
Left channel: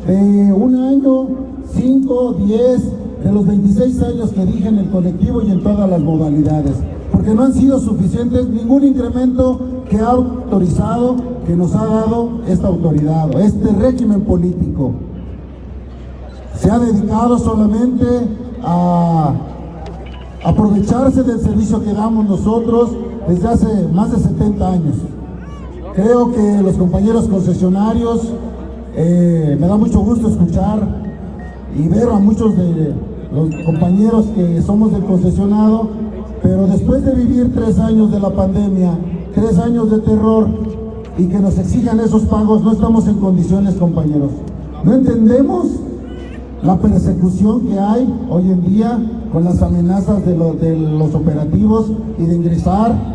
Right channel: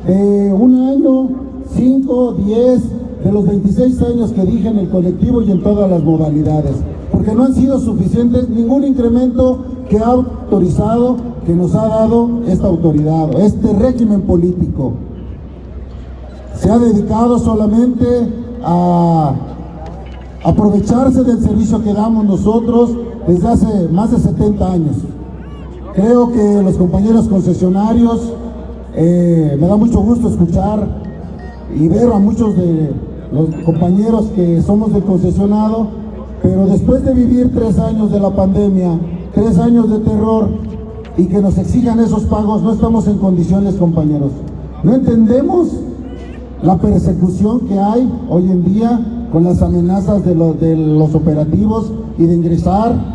de un año, 5, 10, de los 26 años que dije en el colectivo y en todas las modalidades, porque no han sido suficientes ningún incremento que ha autorizado, que nos ha dado esta autoridad, este régimen político. Se ha dedicado solamente a aprovecharse del servicio que damos nosotros desde hace más de 70 años. Creo que los compañeros concesionarios, me da mucho gusto escuchar y ver a muchos de los compañeros que somos del concesionado, pero después de vivir 3 años de la pandemia, 3 años de terror y que nos exijan esos pagos, no estamos en condiciones, compañeros. No entendemos la persecución que hay hoy en día con las amenazas de los operativos y de ingresar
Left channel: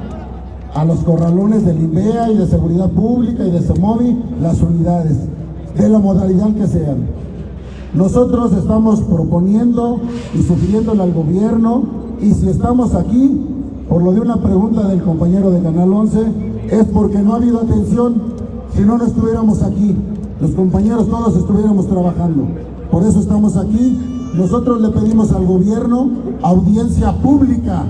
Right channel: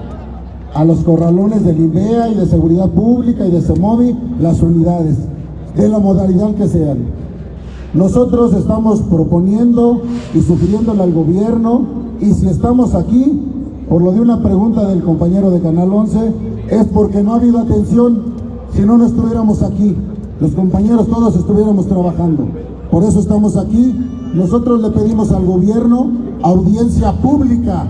a los corralones del INVEA y de Seguridad Pública y de CEMOVI las unidades, de la modalidad que sean. Nosotros estamos proponiendo y sugiriéndole al gobierno, y si estamos aquí, por lo de una pregunta del compañero de Canal 11, es porque no ha habido atención. Si no estuviéramos aquí, los compañeros todos estuviéramos trabajando. Por eso estamos aquí. Nosotros le pedimos al gobierno audiencia pública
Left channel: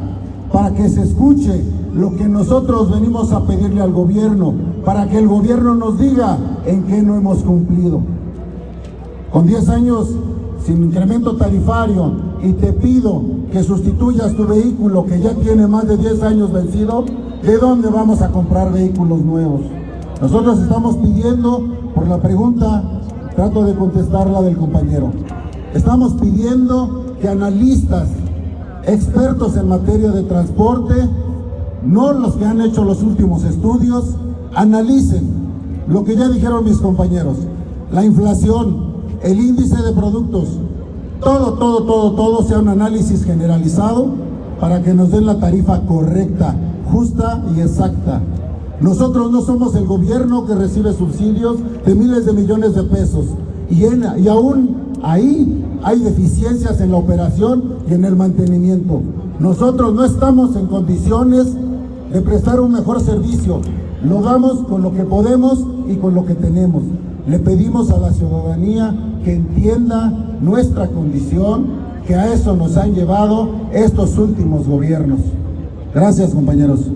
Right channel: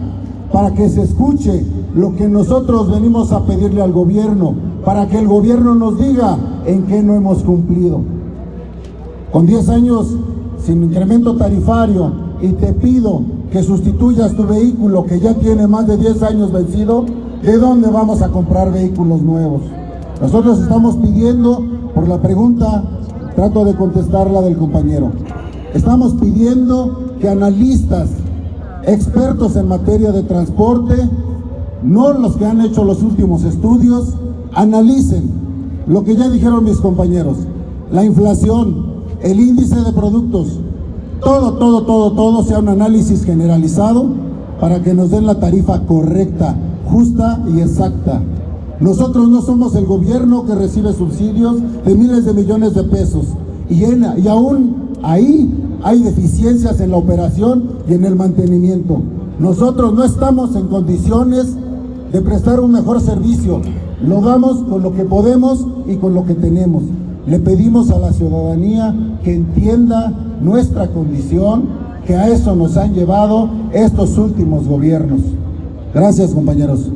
para que se escuche lo que nosotros venimos a pedirle al gobierno, para que el gobierno nos diga en qué no hemos cumplido. Con 10 años sin incremento tarifario y te pido que sustituyas tu vehículo que ya tiene más de 10 años vencido, ¿de dónde vamos a comprar vehículos nuevos? Nosotros estamos pidiendo, por la pregunta, trato de contestarla del compañero, estamos pidiendo que analistas, expertos en materia de transporte, no los que han hecho los últimos estudios, analicen lo que ya dijeron mis compañeros, la inflación, el índice de productos, todo sea un análisis generalizado para que nos den la tarifa correcta, justa y exacta. Nosotros no somos el gobierno que recibe subsidios de miles de millones de pesos y aún ahí hay deficiencias en la operación y en el mantenimiento. Nosotros no estamos en condiciones de prestar un mejor servicio, lo damos con lo que podemos y con lo que tenemos. Le pedimos a la ciudadanía que entienda nuestra condición, que a eso nos han llevado estos últimos gobiernos. Gracias, compañeros.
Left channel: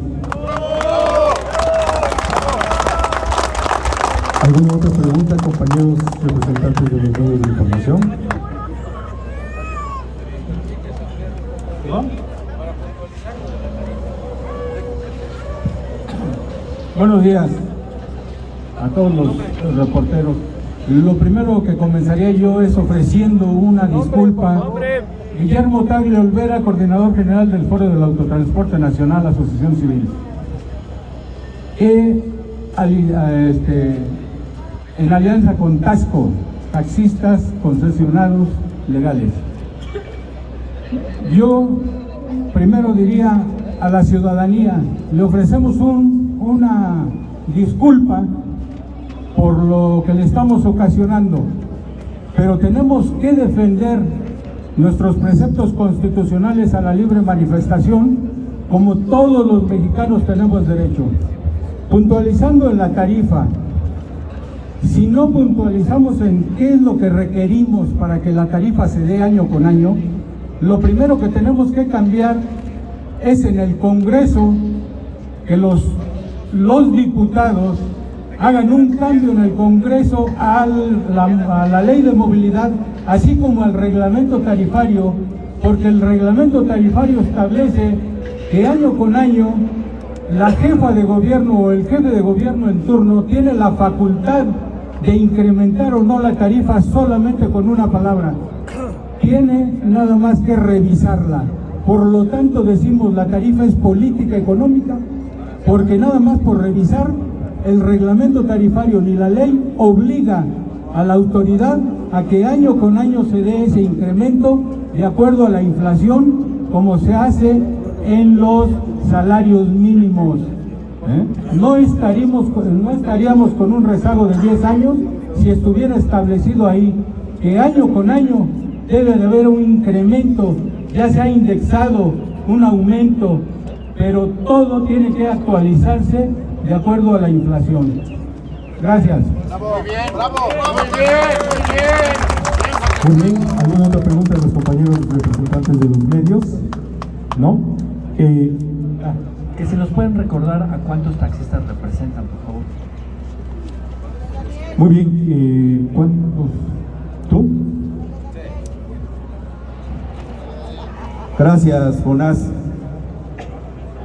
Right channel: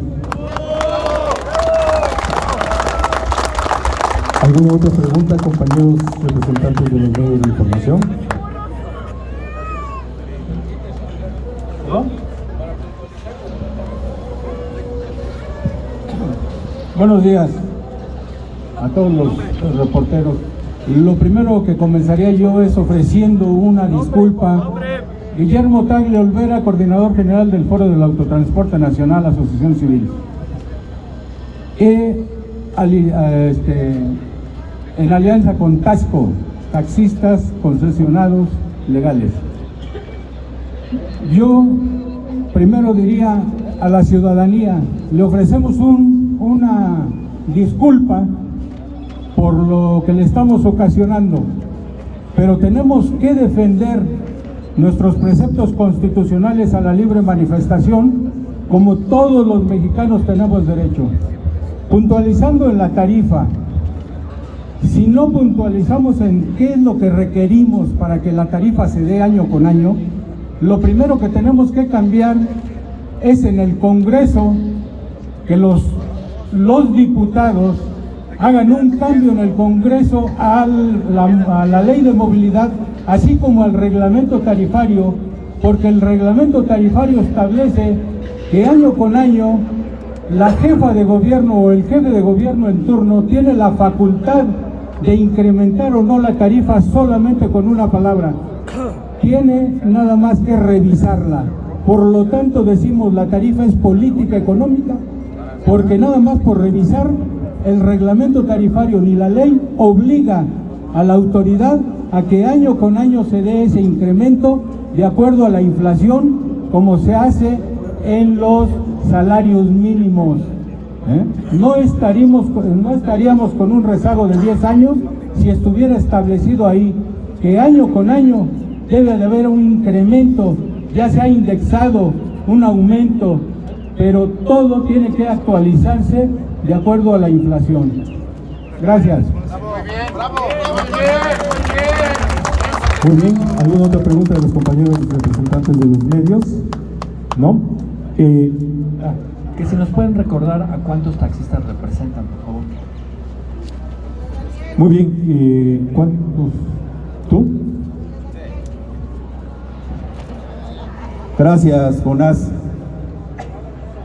¿Alguna otra pregunta, compañeros representantes de los medios de información? ¿No? Buenos días a todos los reporteros. Y lo primero que comenzaría yo es ofreciendo una disculpa. Guillermo Tagle Olvera, coordinador general del Foro del Autotransporte Nacional, Asociación Civil. En alianza con Tasco, taxistas concesionados legales. Yo primero diría a la ciudadanía, le ofrecemos una disculpa por lo que le estamos ocasionando, pero tenemos que defender nuestros preceptos constitucionales a la libre manifestación, como todos los mexicanos tenemos derecho. Puntualizando en la tarifa, si no puntualizamos en qué es lo que requerimos para que la tarifa se dé año con año, lo primero que tenemos que cambiar es en el Congreso que los diputados hagan un cambio en el Congreso a la ley de movilidad, así como al reglamento tarifario, porque el reglamento tarifario establece que año con año la jefa de gobierno o el jefe de gobierno en turno tiene la facultad de incrementar o no la tarifa solamente con una palabra. Tiene nada más que revisarla. Por lo tanto decimos la tarifa es política económica, porque nada más por revisar el reglamento tarifario ni la ley obliga a la autoridad a que año con año se dé ese incremento de acuerdo a la inflación, como se hace en los salarios mínimos. No estaríamos con un rezago de 10 años si estuviera establecido ahí que año con año debe de haber un incremento, ya sea indexado, un aumento, pero todo tiene que actualizarse de acuerdo a la inflación. Gracias. Muy bien, ¿alguna otra pregunta de los compañeros representantes de los medios? ¿No? Que si nos pueden recordar a cuántos taxistas representan, por favor. Muy bien, ¿cuántos? ¿Tú? Gracias, Jonás.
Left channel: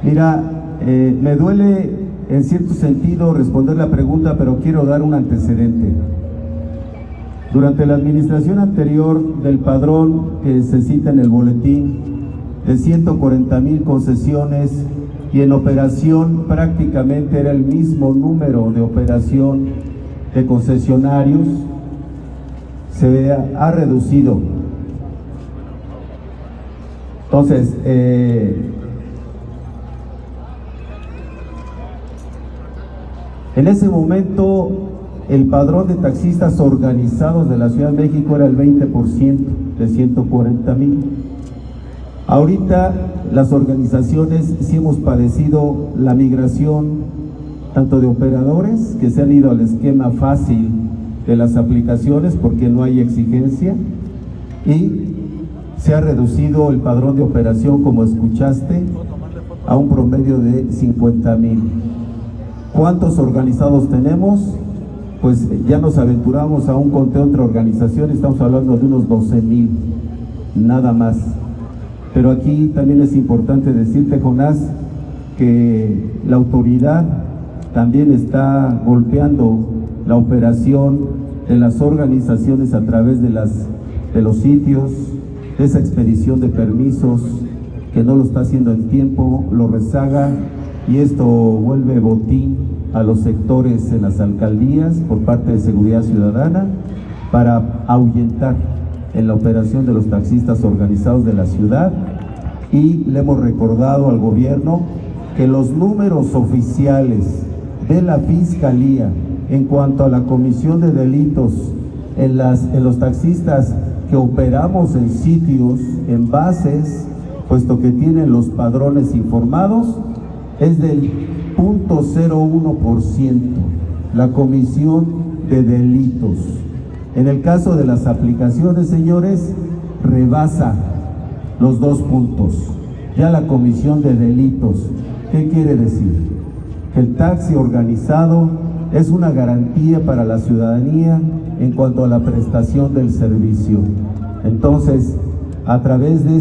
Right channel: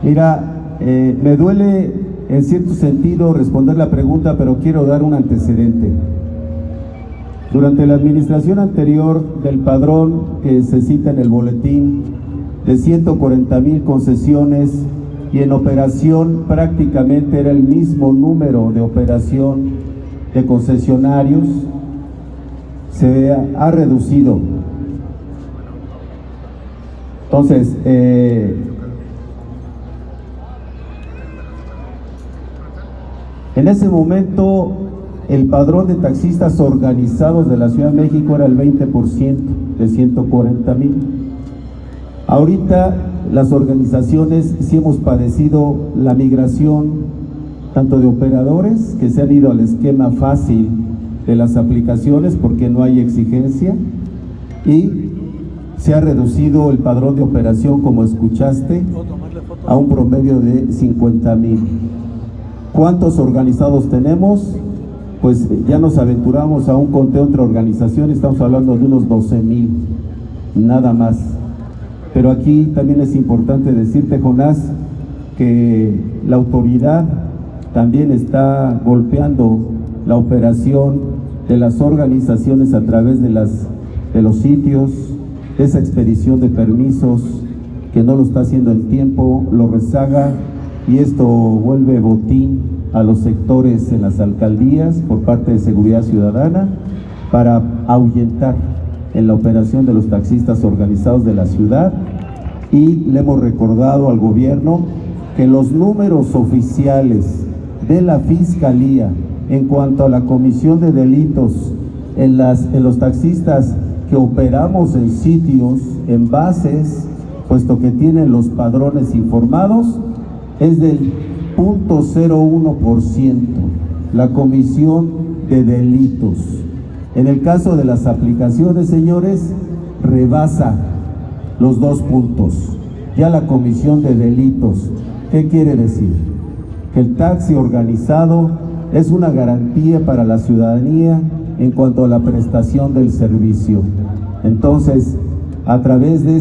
Mira, me duele en cierto sentido responder la pregunta, pero quiero dar un antecedente. Durante la administración anterior del padrón que se cita en el boletín de 140,000 concesiones, y en operación prácticamente era el mismo número de operación de concesionarios, se ha reducido. Entonces, en ese momento el padrón de taxistas organizados de la Ciudad de México era el 20% de 140,000. Ahorita las organizaciones sí hemos padecido la migración tanto de operadores que se han ido al esquema fácil de las aplicaciones porque no hay exigencia, y se ha reducido el padrón de operación, como escuchaste, a un promedio de 50,000. ¿Cuántos organizados tenemos? Pues ya nos aventuramos a un conteo entre organizaciones, estamos hablando de unos 12,000, nada más. Pero aquí también es importante decirte, Jonás, que la autoridad también está golpeando la operación de las organizaciones a través de los sitios, de esa expedición de permisos que no lo está haciendo en tiempo, lo rezaga, y esto vuelve botín a los sectores en las alcaldías por parte de Seguridad Ciudadana para ahuyentar en la operación de los taxistas organizados de la ciudad. Y le hemos recordado al gobierno que los números oficiales de la Fiscalía en cuanto a la comisión de delitos en los taxistas que operamos en sitios, en bases, puesto que tienen los padrones informados, es del 0.01% la comisión de delitos. En el caso de las aplicaciones, señores, rebasa los 2 puntos. Ya la comisión de delitos, ¿qué quiere decir? Que el taxi organizado es una garantía para la ciudadanía en cuanto a la prestación del servicio. Entonces, a través de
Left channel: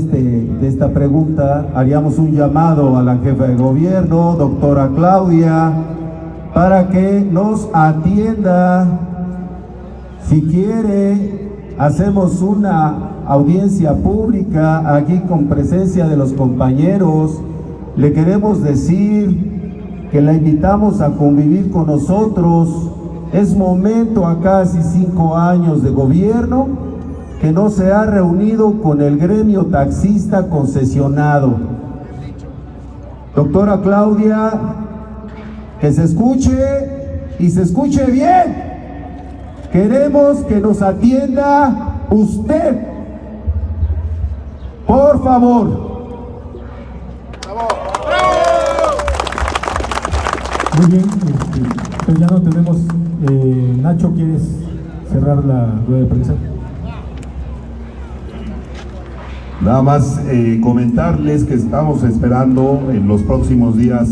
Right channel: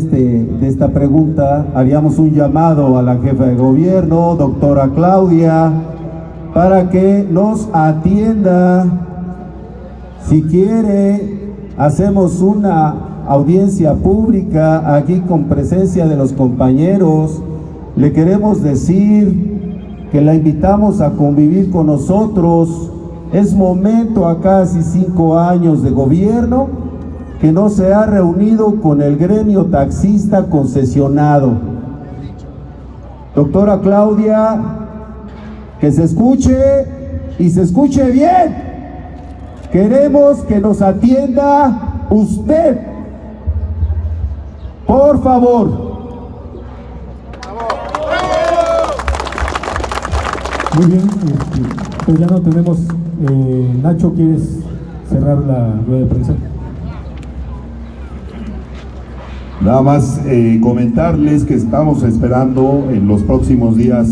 esta pregunta, haríamos un llamado a la jefa de gobierno, doctora Claudia, para que nos atienda. Si quiere, hacemos una audiencia pública aquí con presencia de los compañeros. Le queremos decir que la invitamos a convivir con nosotros. Es momento, a casi 5 años de gobierno, que no se ha reunido con el gremio taxista concesionado. Doctora Claudia, que se escuche y se escuche bien. Queremos que nos atienda usted. Por favor. Muy bien, pues ya no tenemos. Nacho, ¿quieres cerrar la rueda de prensa? Nada más comentarles que estamos esperando en los próximos días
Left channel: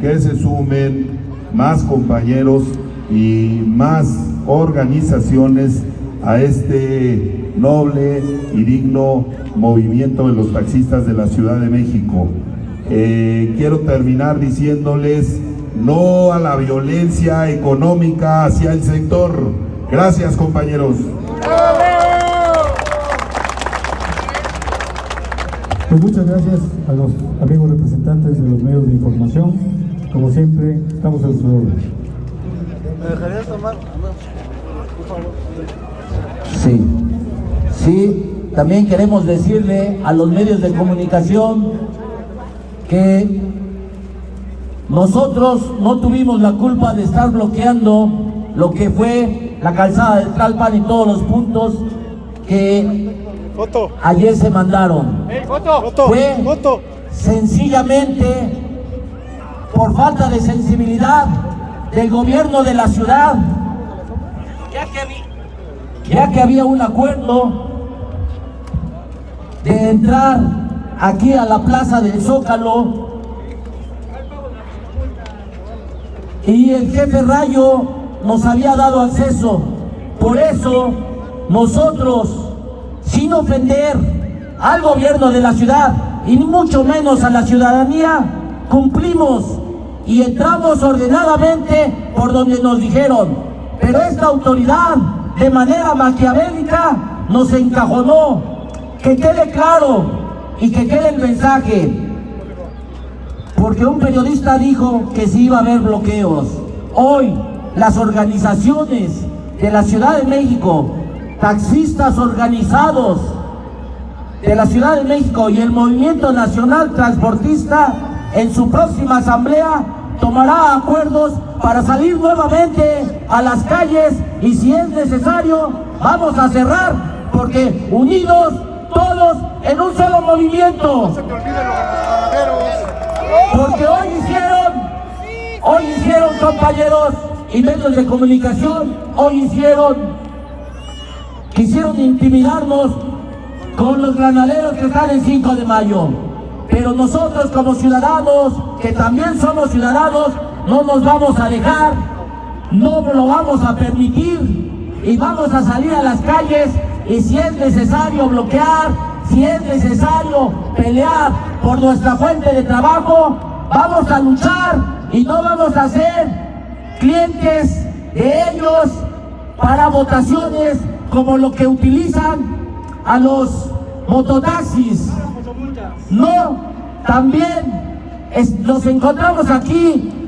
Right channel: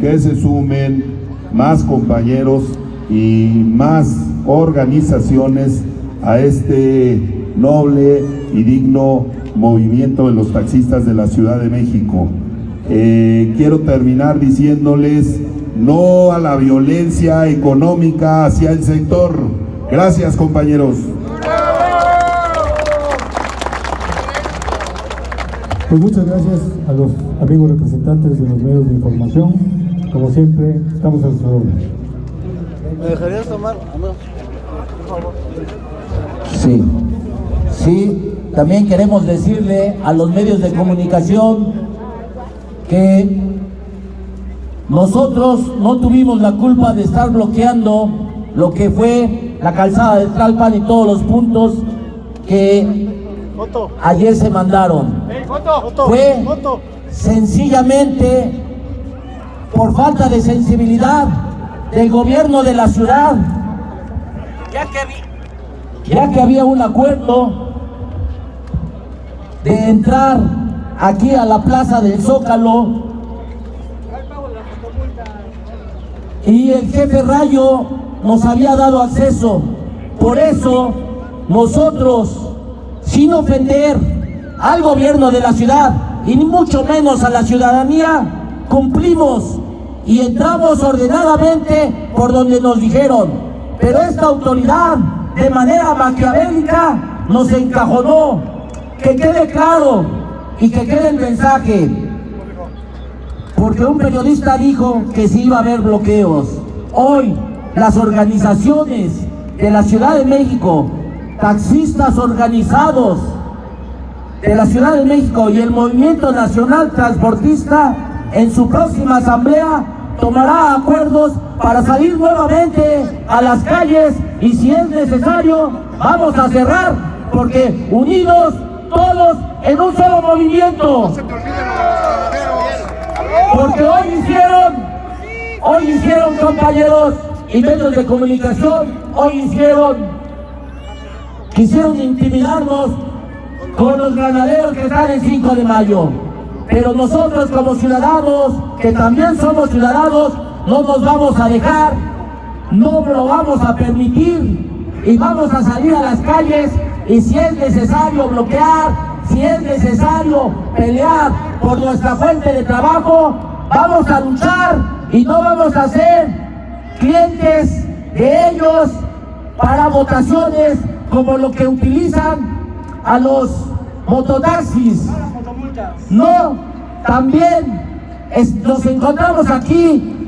que se sumen más compañeros y más organizaciones a este noble y digno movimiento de los taxistas de la Ciudad de México. Quiero terminar diciéndoles no a la violencia económica hacia el sector. Gracias, compañeros. Pues muchas gracias a los amigos representantes de los medios de información. Como siempre, estamos a su orden. ¿Me dejarías tomar? Sí, también queremos decirle a los medios de comunicación que nosotros no tuvimos la culpa de estar bloqueando lo que fue la calzada de Tlalpan y todos los puntos que ayer se mandaron. Fue sencillamente por falta de sensibilidad del gobierno de la ciudad, ya que había un acuerdo de entrar aquí a la plaza del Zócalo y el jefe Rayo nos había dado acceso. Por eso nosotros, sin ofender al gobierno de la ciudad y ni mucho menos a la ciudadanía, cumplimos y entramos ordenadamente por donde nos dijeron. Pero esta autoridad, de manera maquiavélica, nos encajonó. Que quede claro y que quede el mensaje, porque un periodista dijo que sí iba a haber bloqueos. Hoy las organizaciones de la Ciudad de México, taxistas organizados de la Ciudad de México y el Movimiento Nacional Transportista, en su próxima asamblea tomará acuerdos para salir nuevamente a las calles, y si es necesario vamos a cerrar, porque unidos todos en un solo movimiento. Porque hoy hicieron compañeros y medios de comunicación, quisieron intimidarnos con los granaderos que están el 5 de mayo. Pero nosotros, como ciudadanos, que también somos ciudadanos, no nos vamos a dejar, no lo vamos a permitir, y vamos a salir a las calles, y si es necesario bloquear, si es necesario pelear por nuestra fuente de trabajo, vamos a luchar y no vamos a ser clientes de ellos para votaciones como lo que utilizan a los mototaxis. No, también Nos encontramos aquí